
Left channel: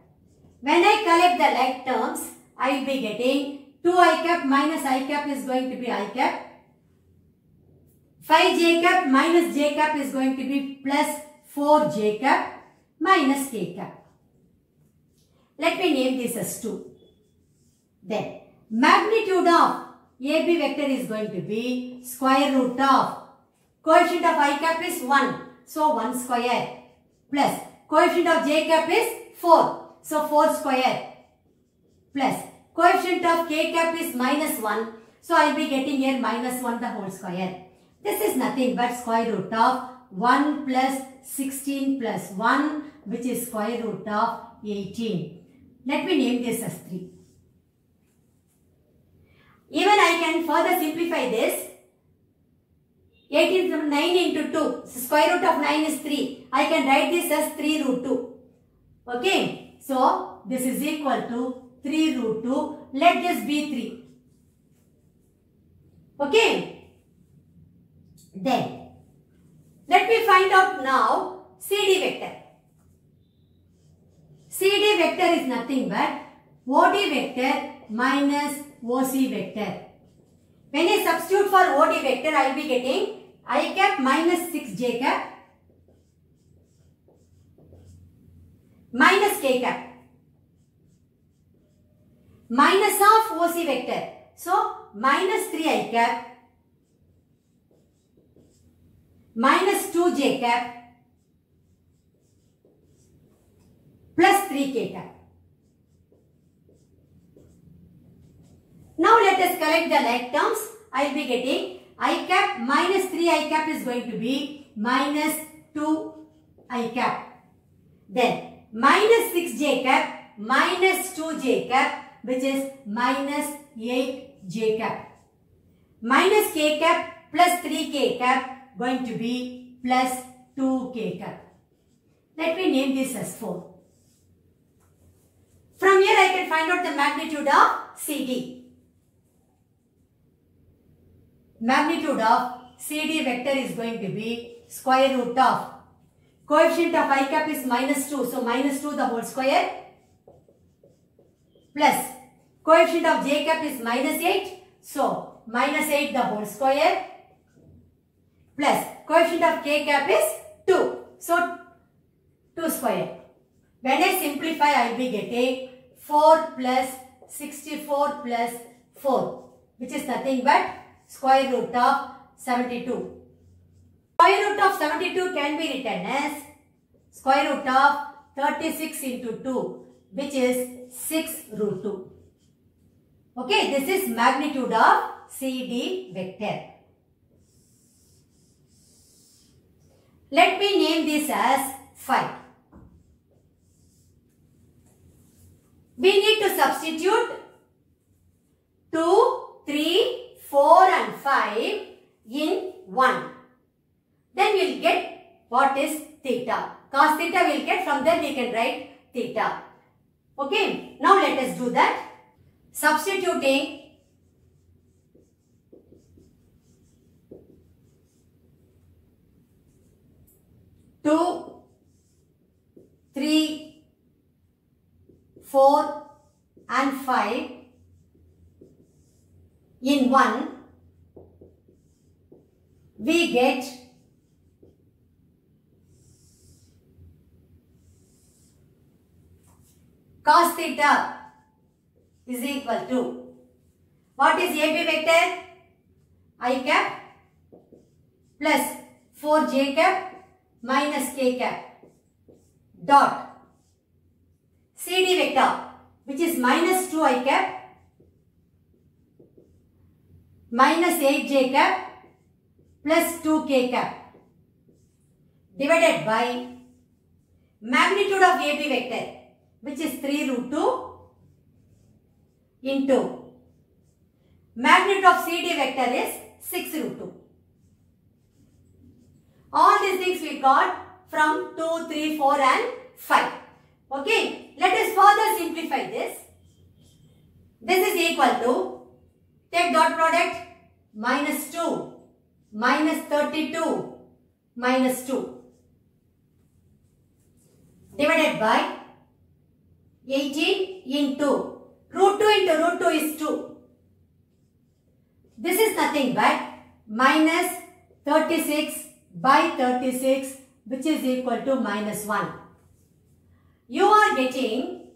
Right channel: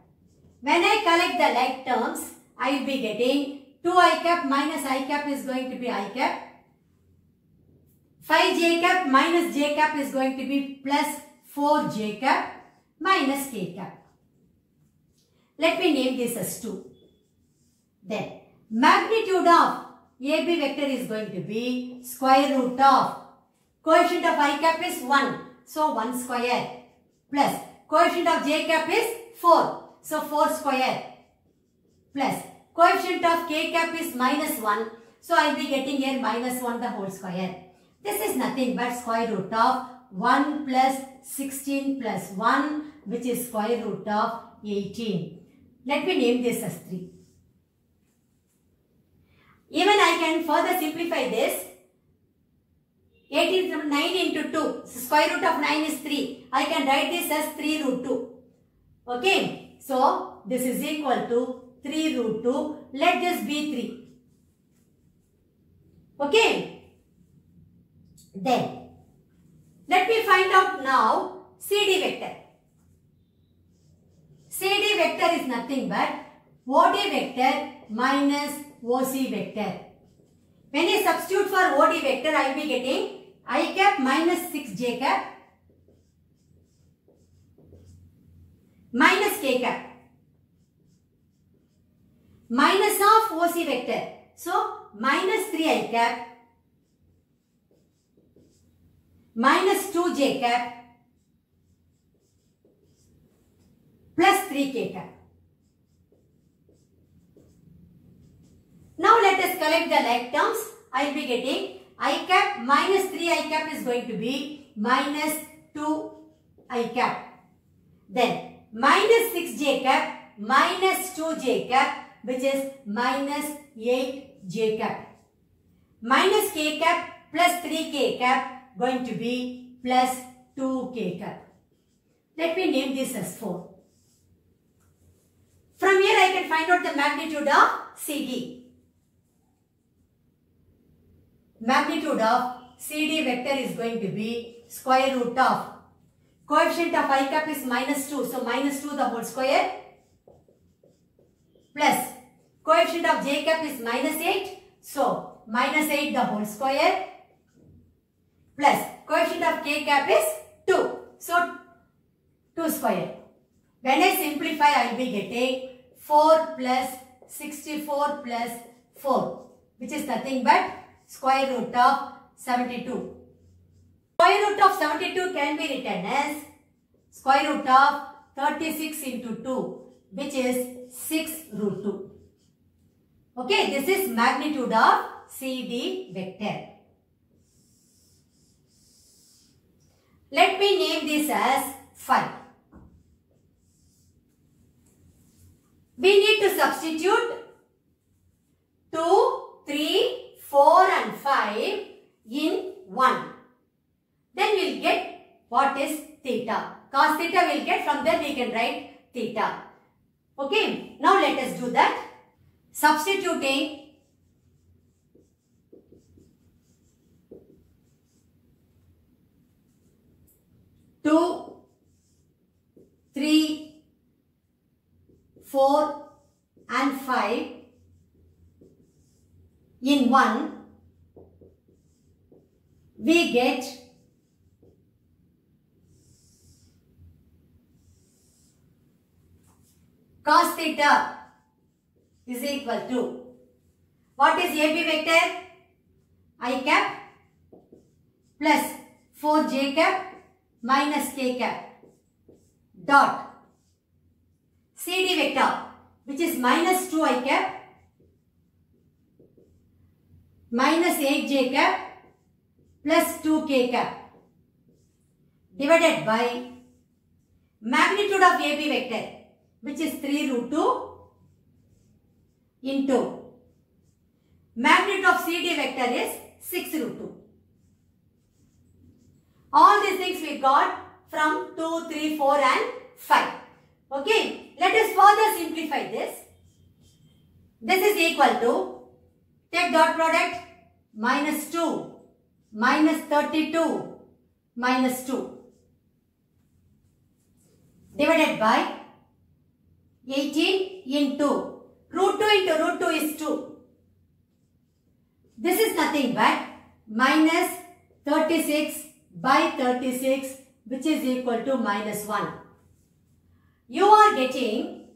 When I collect the like terms, I will be getting 2i cap minus I cap is going to be I cap. 5j cap minus j cap is going to be plus 4j cap minus k cap. Let me name this as 2. Then magnitude of AB vector is going to be square root of coefficient of I cap is 1. So 1 square plus coefficient of j cap is 4. So 4 square plus coefficient of k cap is minus 1. So I will be getting here minus 1 the whole square. This is nothing but square root of 1 plus 16 plus 1, which is square root of 18. Let me name this as 3. Even I can further simplify this. 18 from 9 into 2. So square root of 9 is 3. I can write this as 3 root 2. Okay. So this is equal to 3 root 2. Let this be 3. Okay. Then let me find out now CD vector. CD vector is nothing but OD vector minus OC vector. When I substitute for OD vector, I will be getting I cap minus 6j cap minus k cap minus of OC vector. So minus 3i cap minus 2j cap plus 3k cap. Now let us collect the like terms. I will be getting I cap minus 3i cap is going to be minus 2i cap. Then minus 6j cap minus 2j cap, which is minus 8j cap. Minus k cap plus 3k cap going to be plus 2k cap. Let me name this as 4. From here I can find out the magnitude of CD. Magnitude of CD vector is going to be square root of coefficient of I cap is minus 2. So minus 2 the whole square plus coefficient of j cap is minus 8. So minus 8 the whole square plus coefficient of k cap is 2. So 2 square. When I simplify, I will be getting 4 plus 64 plus 4, which is nothing but square root of 72. Square root of 72 can be written as square root of 36 into 2, which is 6 root 2. Okay, this is magnitude of CD vector. Let me name this as 5. We need to substitute 2, 3, 4 and 5 in 1. Then we will get what is theta. Cos theta we will get, from there we can write theta. Okay, now let us do that. Substituting 2, 3, 4 and 5 in 1, we get cos theta is equal to, what is AB vector? I cap plus 4j cap minus k cap dot CD vector, which is minus 2i cap minus 8j cap plus 2k cap divided by magnitude of AB vector, which is 3 root 2 into magnitude of CD vector is 6 root 2. All these things we got from 2, 3, 4 and 5. Okay, let us further simplify this. This is equal to, take dot product, minus 2 minus 32 minus 2 divided by 18 into root 2 into root 2 is 2. This is nothing but minus 36 by 36, which is equal to minus 1. You are getting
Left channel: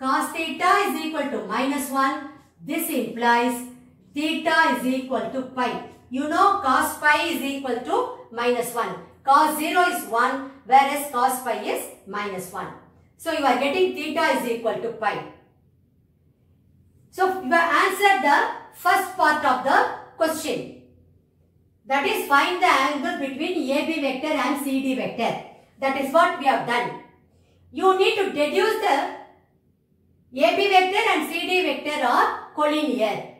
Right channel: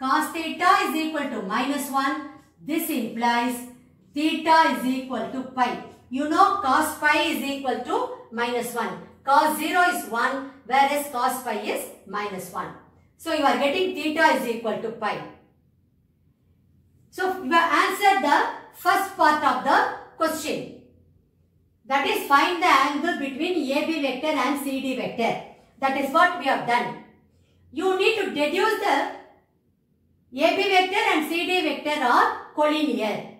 cos theta is equal to minus 1. This implies theta is equal to pi. You know cos pi is equal to minus 1. Cos 0 is 1, whereas cos pi is minus 1. So you are getting theta is equal to pi. So you have answered the first part of the question. That is, find the angle between AB vector and CD vector. That is what we have done. You need to deduce the AB vector and CD vector are collinear.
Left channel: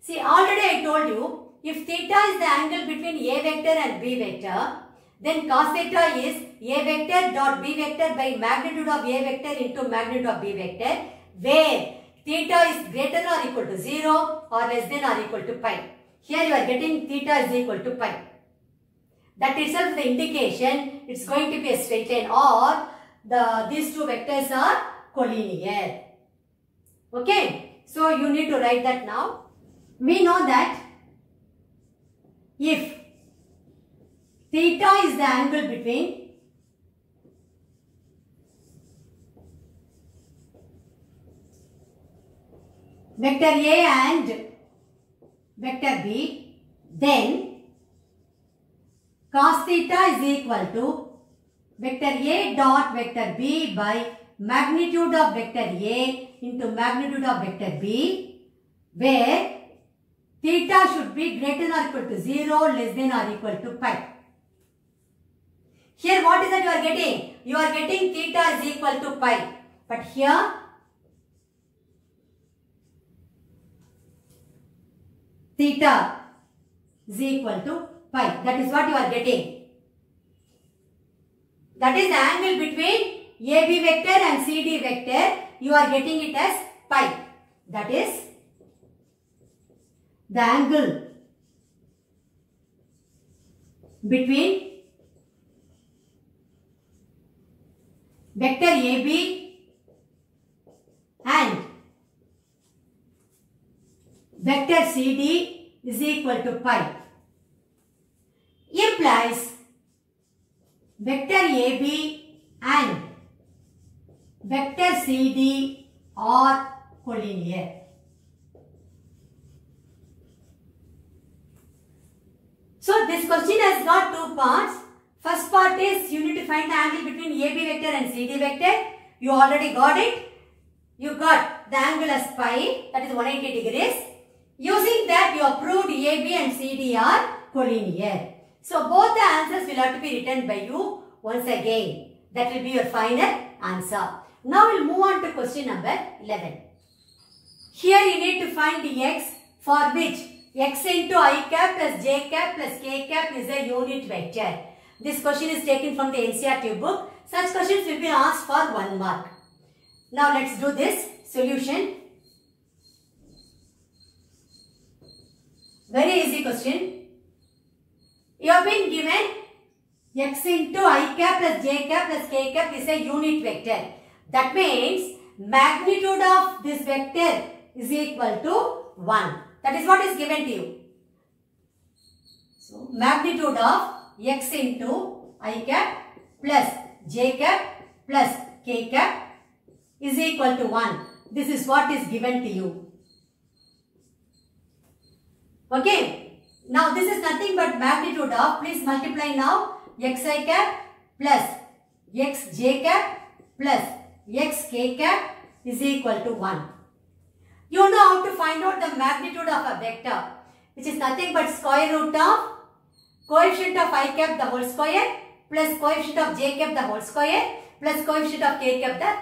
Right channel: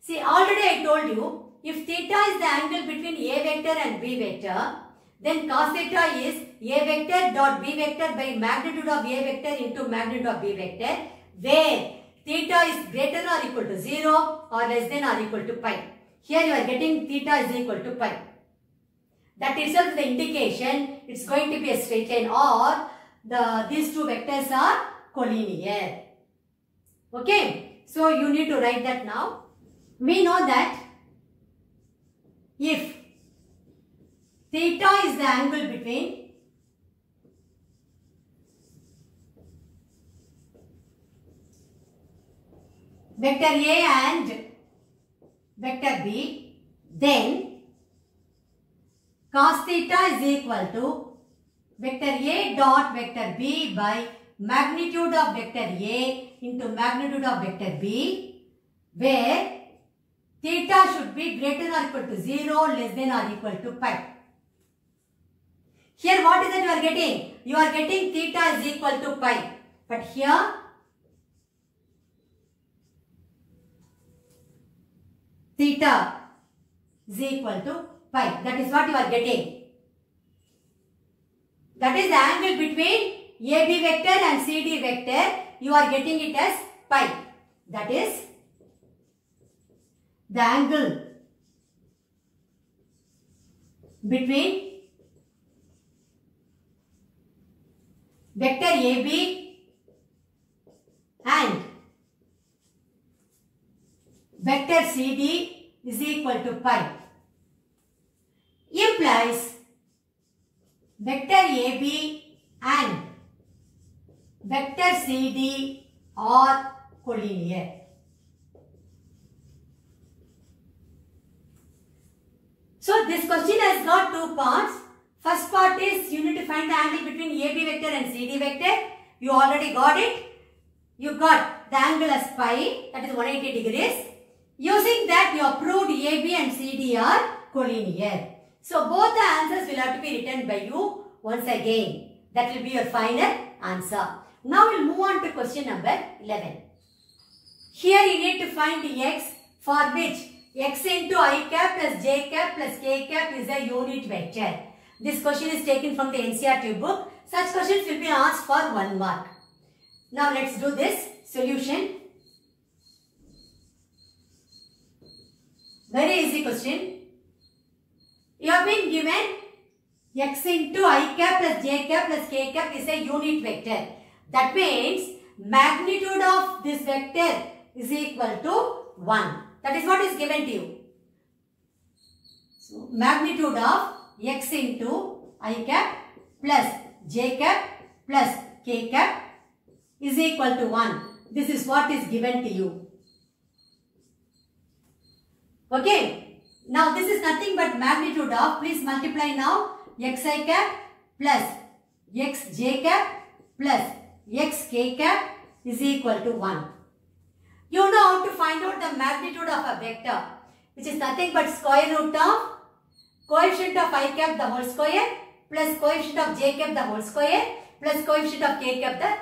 See, already I told you, if theta is the angle between A vector and B vector, then cos theta is A vector dot B vector by magnitude of A vector into magnitude of B vector, where theta is greater or equal to 0 or less than or equal to pi. Here you are getting theta is equal to pi. That itself is the indication it's going to be a straight line, or these two vectors are collinear. Okay, so you need to write that now. We know that if theta is the angle between vector A and vector B, then cos theta is equal to vector A dot vector B by magnitude of vector A into magnitude of vector B, where theta should be greater or equal to 0, less than or equal to pi. Here what is that you are getting? You are getting theta is equal to pi. But here theta is equal to pi. That is what you are getting. That is the angle between AB vector and CD vector. You are getting it as pi. That is the angle between vector AB and vector CD is equal to pi. Implies vector AB and vector CD are collinear. So this question has got two parts. First part is you need to find the angle between AB vector and CD vector. You already got it. You got the angle as pi, that is 180 degrees. Using that you have proved AB and CD are collinear. So both the answers will have to be written by you once again. That will be your final answer. Now we will move on to question number 11. Here you need to find the x for which x into I cap plus j cap plus k cap is a unit vector. This question is taken from the NCERT book. Such questions will be asked for 1 mark. Now let's do this solution. Very easy question. You have been given x into I cap plus j cap plus k cap is a unit vector. That means magnitude of this vector is equal to 1. That is what is given to you. So magnitude of x into I cap plus j cap plus k cap is equal to 1. This is what is given to you. Okay. Now this is nothing but magnitude of, please multiply now, xi cap plus xj cap plus xk cap is equal to 1. You know how to find out the magnitude of a vector, which is nothing but square root of coefficient of I cap the whole square plus coefficient of j cap the whole square plus coefficient of k cap the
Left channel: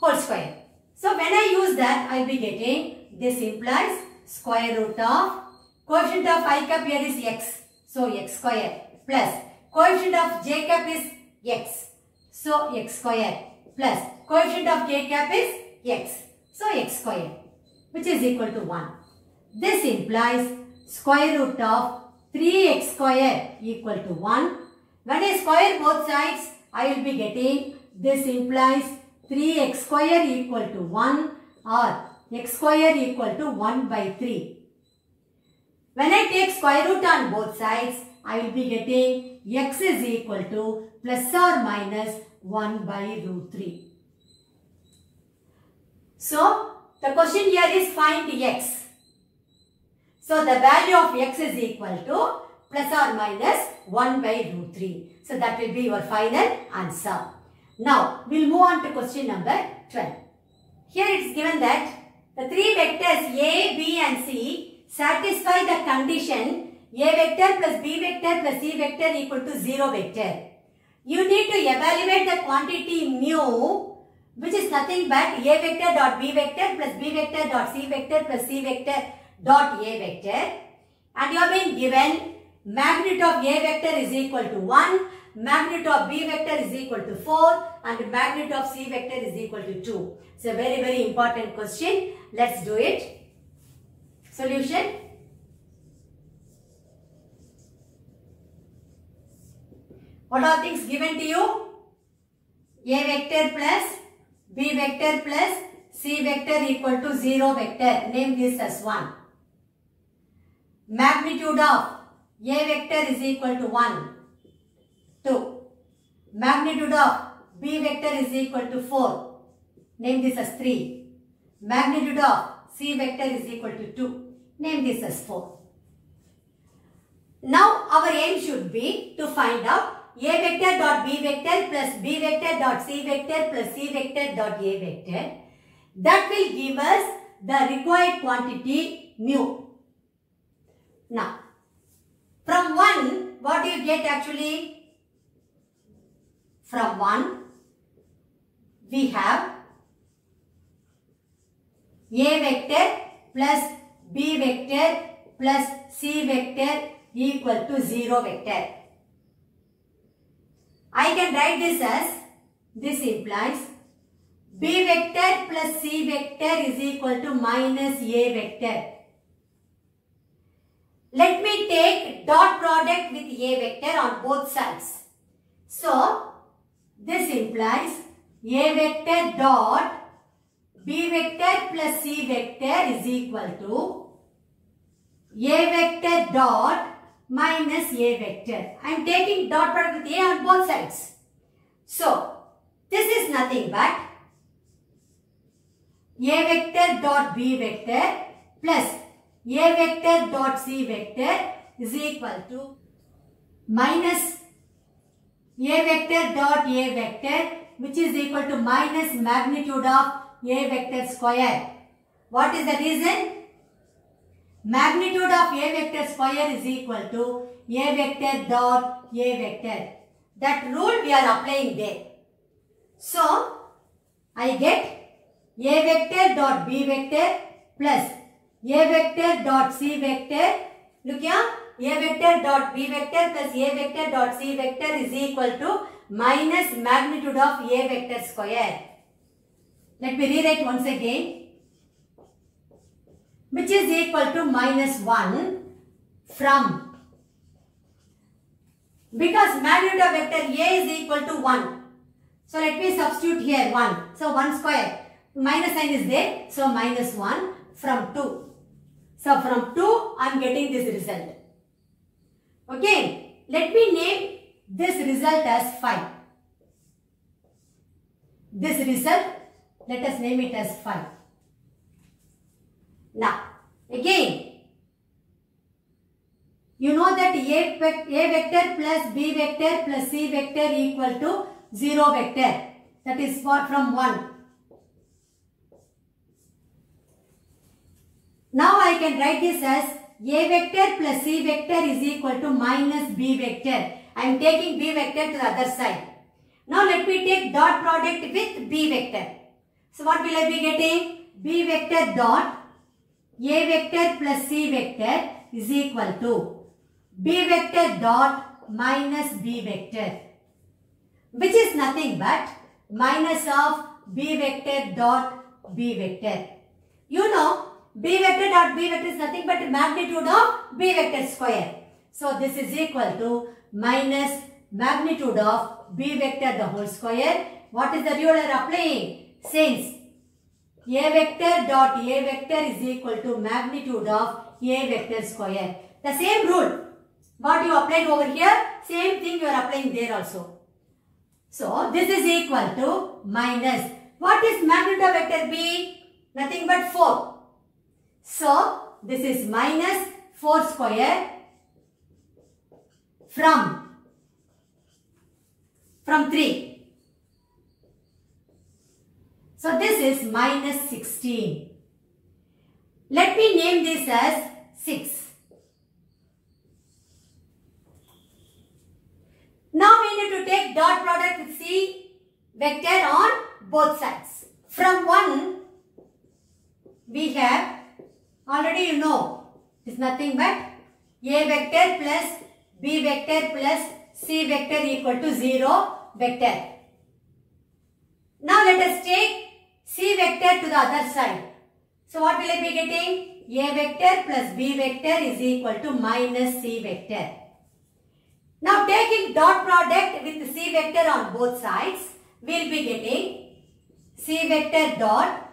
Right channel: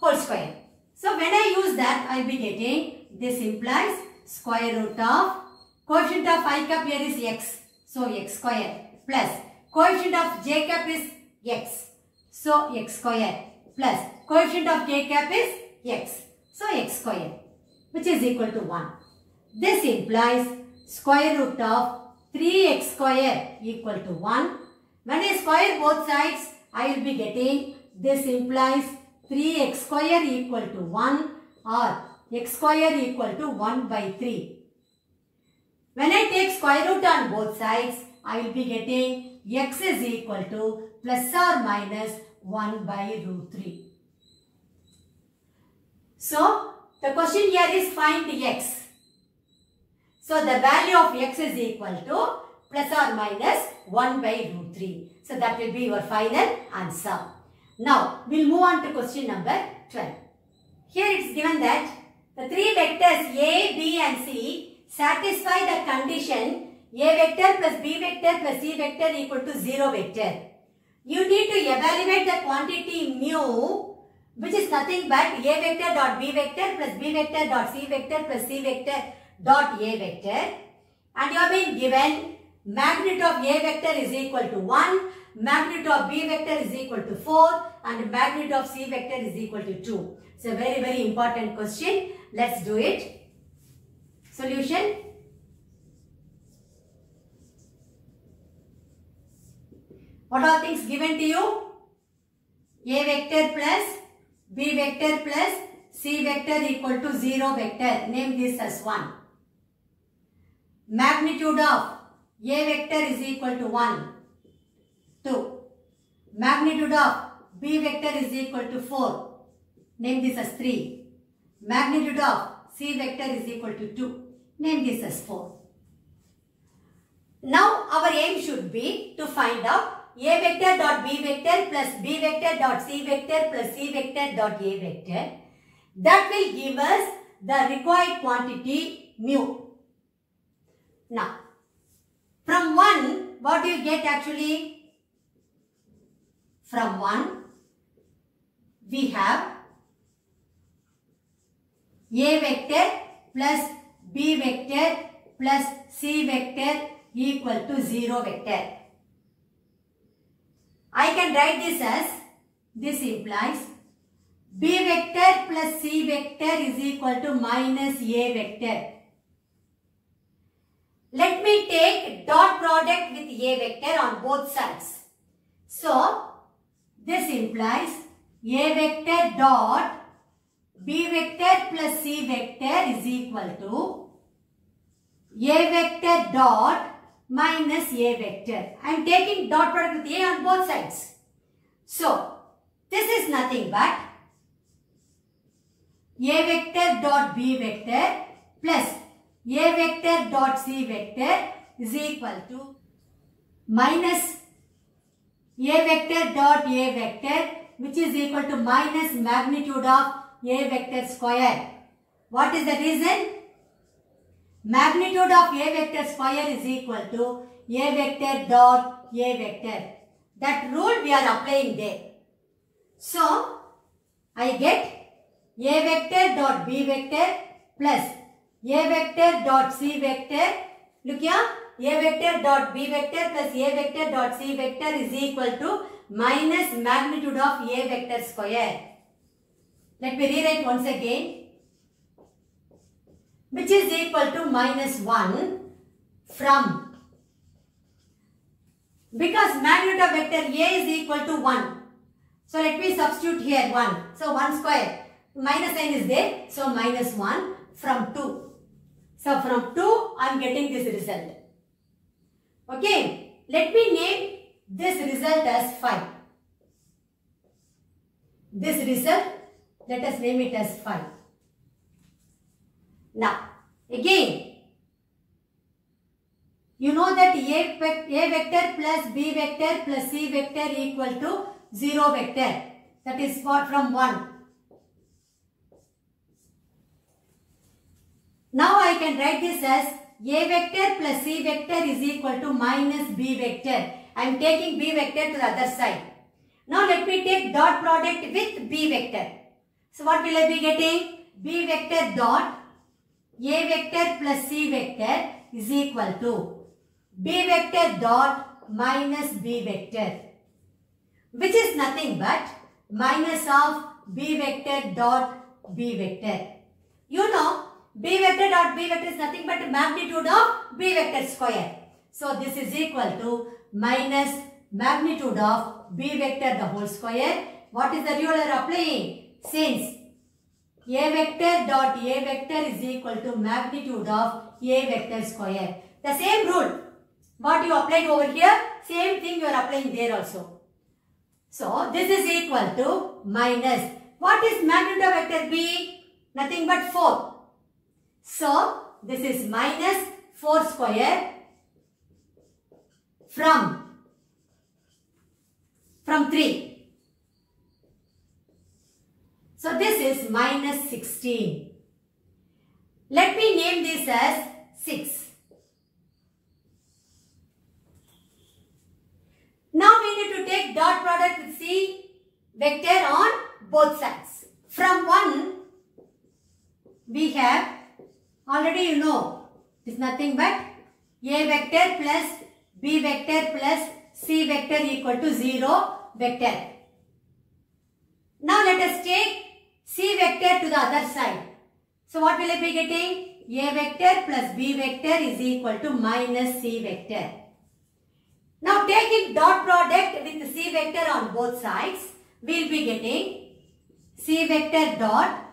whole square. So when I use that, I will be getting, this implies square root of coefficient of I cap here is x, so x square, plus coefficient of j cap is x, so x square, plus coefficient of k cap is x, so x square, which is equal to 1. This implies square root of 3x square equal to 1. When I square both sides, I will be getting, this implies 3x square equal to 1 or x square equal to 1 by 3. When I take square root on both sides, I will be getting x is equal to plus or minus 1 by root 3. So, the question here is find x. So, the value of x is equal to plus or minus 1 by root 3. So, that will be your final answer. Now, we will move on to question number 12. Here it is given that the three vectors A, B and C satisfy the condition A vector plus B vector plus C vector equal to 0 vector. You need to evaluate the quantity mu, which is nothing but A vector dot B vector plus B vector dot C vector plus C vector dot A vector. and you have been given magnitude of A vector is equal to 1, magnitude of B vector is equal to 4 and magnitude of C vector is equal to 2. It's a very, very important question. Let's do it. Solution. What are things given to you? A vector plus B vector plus C vector equal to 0 vector. Name this as 1. Magnitude of A vector is equal to 1. 2. Magnitude of B vector is equal to 4. Name this as 3. Magnitude of C vector is equal to 2. Name this as 4. Now our aim should be to find out A vector dot B vector plus B vector dot C vector plus C vector dot A vector. That will give us the required quantity mu. Now, from 1, what do you get actually? From 1, we have A vector plus B vector plus C vector equal to 0 vector. I can write this as, this implies B vector plus C vector is equal to minus A vector. Let me take dot product with A vector on both sides. So, this implies A vector dot B vector plus C vector is equal to A vector dot minus A vector. I am taking dot product with A on both sides. So, this is nothing but A vector dot B vector plus A vector dot C vector is equal to minus A vector dot A vector, which is equal to minus magnitude of A vector square. What is the reason? Magnitude of A vector square is equal to A vector dot A vector. That rule we are applying there. So, I get A vector dot B vector plus A vector dot C vector. Look here, A vector dot B vector plus A vector dot C vector is equal to minus magnitude of A vector square. Let me rewrite once again. Which is equal to minus 1 from, because magnitude of vector A is equal to 1. So let me substitute here 1. So 1 square. Minus sign is there. So minus 1 from 2. So from 2 I am getting this result. Okay. Let me name this result as 5. This result, let us name it as 5. Now, again, you know that A vector plus B vector plus C vector equal to 0 vector. That is from 1. Now I can write this as A vector plus C vector is equal to minus B vector. I am taking B vector to the other side. Now let me take dot product with B vector. So what will I be getting? B vector dot A vector plus C vector is equal to B vector dot minus B vector, which is nothing but minus of B vector dot B vector. You know, B vector dot B vector is nothing but magnitude of B vector square. So this is equal to minus magnitude of B vector the whole square. What is the rule you are applying? Since A vector dot A vector is equal to magnitude of A vector square. The same rule. What you applied over here, same thing you are applying there also. So, this is equal to minus. What is magnitude of vector B? Nothing but 4. So, this is minus 4 square from 3. So, this is minus 16. Let me name this as 6. Now, we need to take dot product with C vector on both sides. From 1, we have, already you know, is nothing but A vector plus B vector plus C vector equal to 0 vector. Now let us take C vector to the other side. So what will I be getting? A vector plus B vector is equal to minus C vector. Now taking dot product with C vector on both sides, we will be getting C vector dot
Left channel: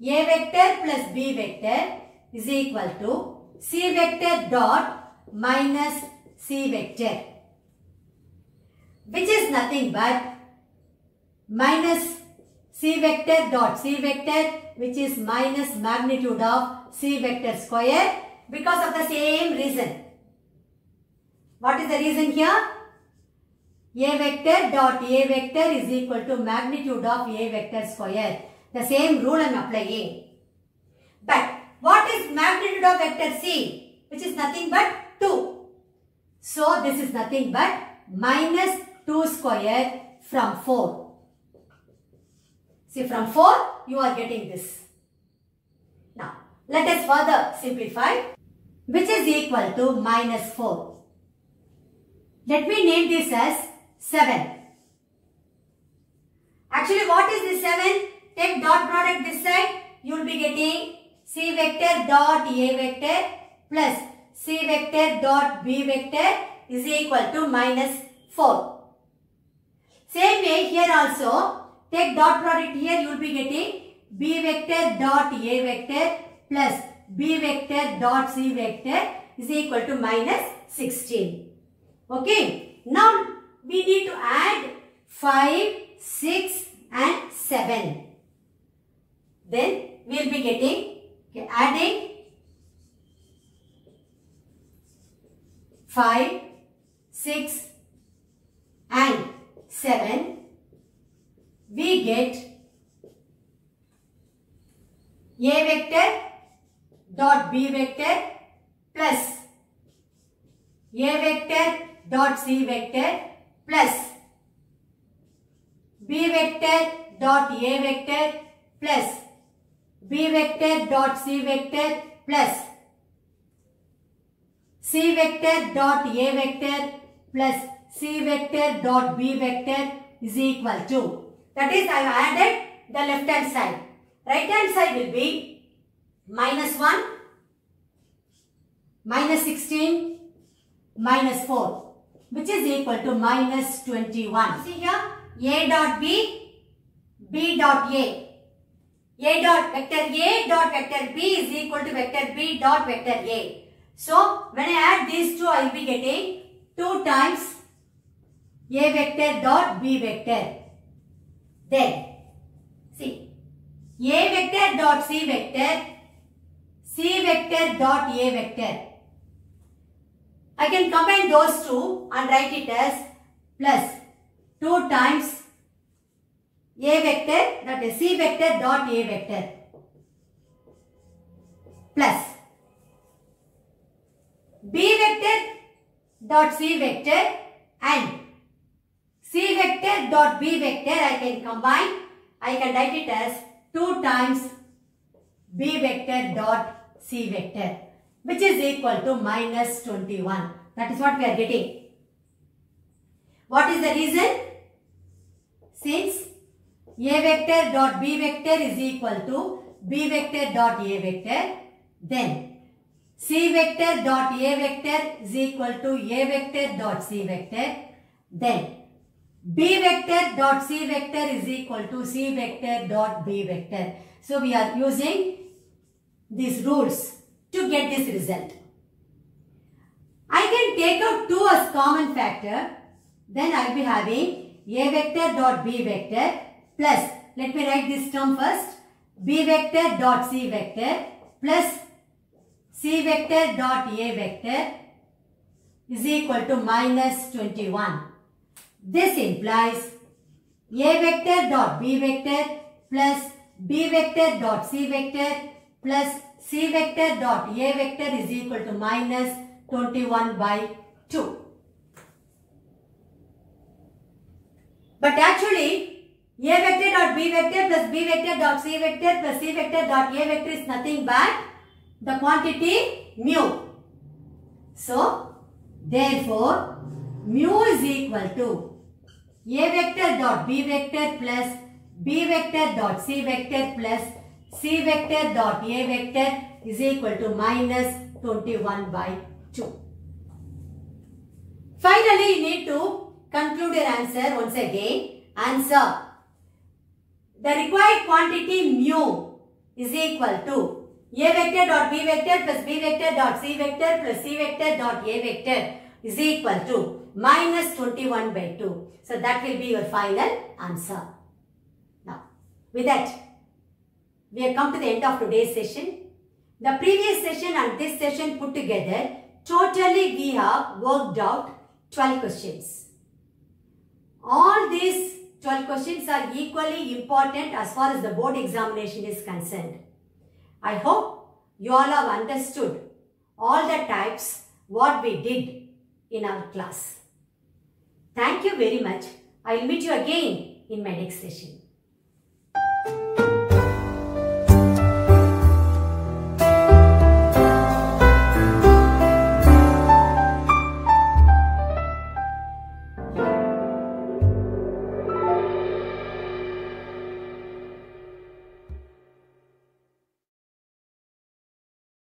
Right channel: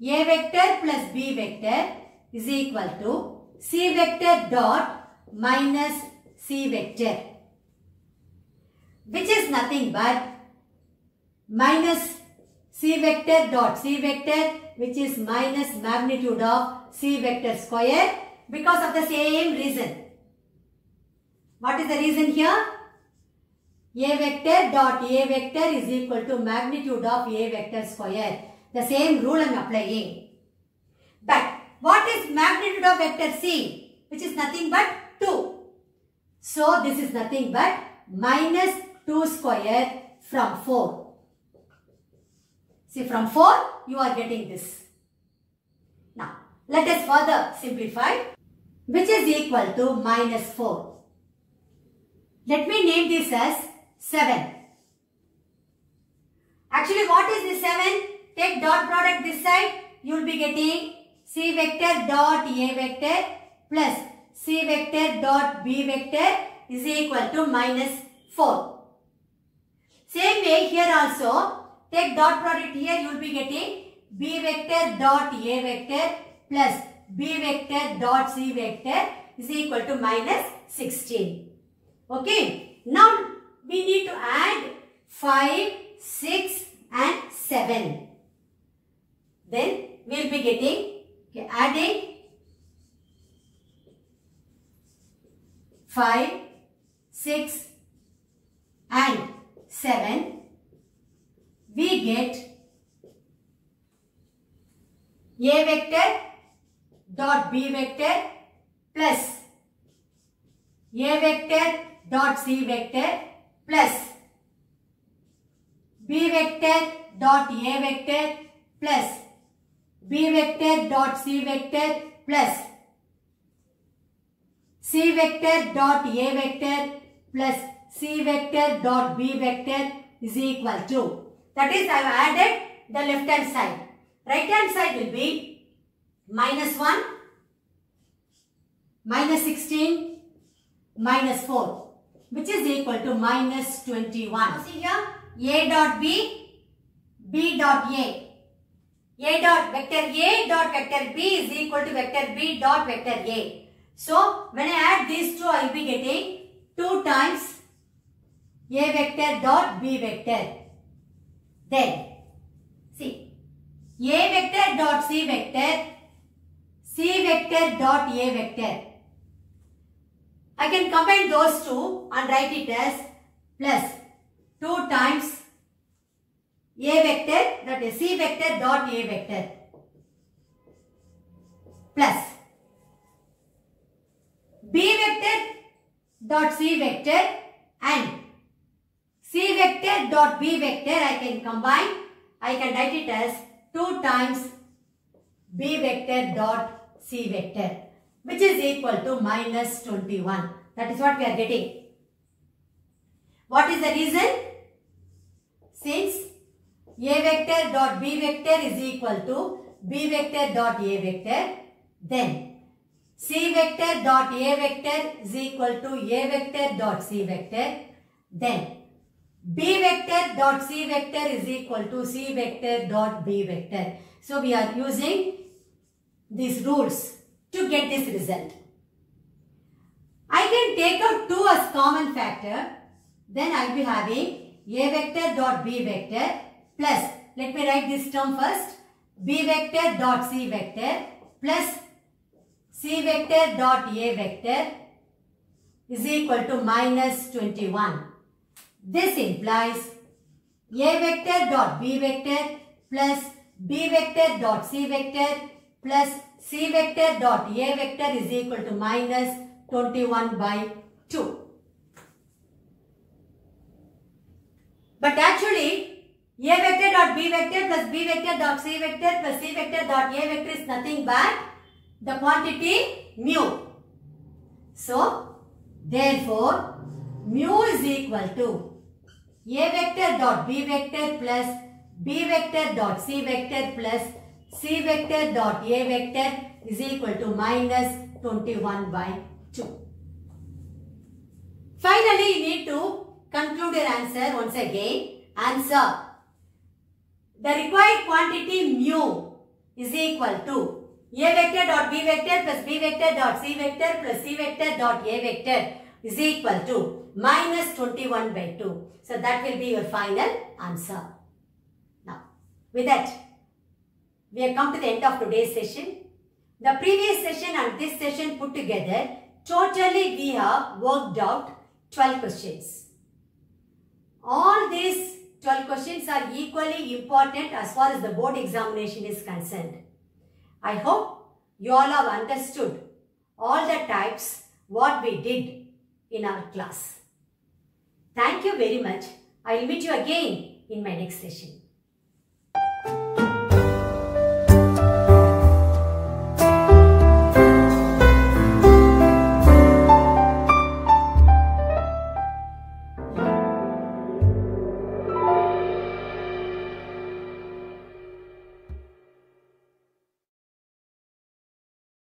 A vector plus B vector is equal to C vector dot minus C vector, which is nothing but minus C vector dot C vector, which is minus magnitude of C vector square, because of the same reason. What is the reason here? A vector dot A vector is equal to magnitude of A vector square. The same rule I am applying. But what is magnitude of vector C? Which is nothing but 2. So this is nothing but minus 2 square from 4. See, from 4 you are getting this. Now let us further simplify, which is equal to minus 4. Let me name this as 7. Actually, what is this 7? Take dot product this side, you will be getting C vector dot A vector plus C vector dot B vector is equal to minus 4. Same way here also, take dot product here, you will be getting B vector dot A vector plus B vector dot C vector is equal to minus 16. Okay. Now we need to add 5, 6 and 7. Then we will be getting, adding 5, 6 and 7. We get A vector dot B vector plus A vector dot C vector plus B vector dot A vector plus B vector dot C vector plus C vector dot A vector plus C vector dot B vector is equal to, that is, I have added the left hand side. Right hand side will be minus 1, minus 16, minus 4, which is equal to minus 21. See here, A dot B, B dot A. A dot vector B is equal to vector B dot vector A. So when I add these two, I will be getting 2 times A vector dot B vector. Then see, A vector dot C vector, C vector dot A vector. I can combine those two and write it as plus 2 times A vector, that is C vector dot A vector, plus B vector dot C vector and C vector dot B vector I can combine. I can write it as 2 times B vector dot C vector, which is equal to minus 21. That is what we are getting. What is the reason? Since A vector dot B vector is equal to B vector dot A vector, then C vector dot A vector is equal to A vector dot C vector, then B vector dot C vector is equal to C vector dot B vector. So we are using these rules to get this result. I can take out 2 as common factor. Then I will be having A vector dot B vector plus, let me write this term first, B vector dot C vector plus C vector dot A vector is equal to minus 21. This implies A vector dot B vector plus B vector dot C vector plus C vector dot A vector is equal to minus 21 by 2. But actually, A vector dot B vector plus B vector dot C vector plus C vector dot A vector is nothing but the quantity mu. So, therefore, mu is equal to A vector dot B vector plus B vector dot C vector plus C vector dot A vector is equal to minus 21 by 2. Finally, you need to conclude your answer once again. Answer. The required quantity mu is equal to A vector dot B vector plus B vector dot C vector plus C vector dot A vector is equal to minus 21 by 2. So that will be your final answer. Now, with that, we have come to the end of today's session. The previous session and this session put together, totally we have worked out 12 questions. All these 12 questions are equally important as far as the board examination is concerned. I hope you all have understood all the types what we did in our class. Thank you very much. I will meet you again in my next session.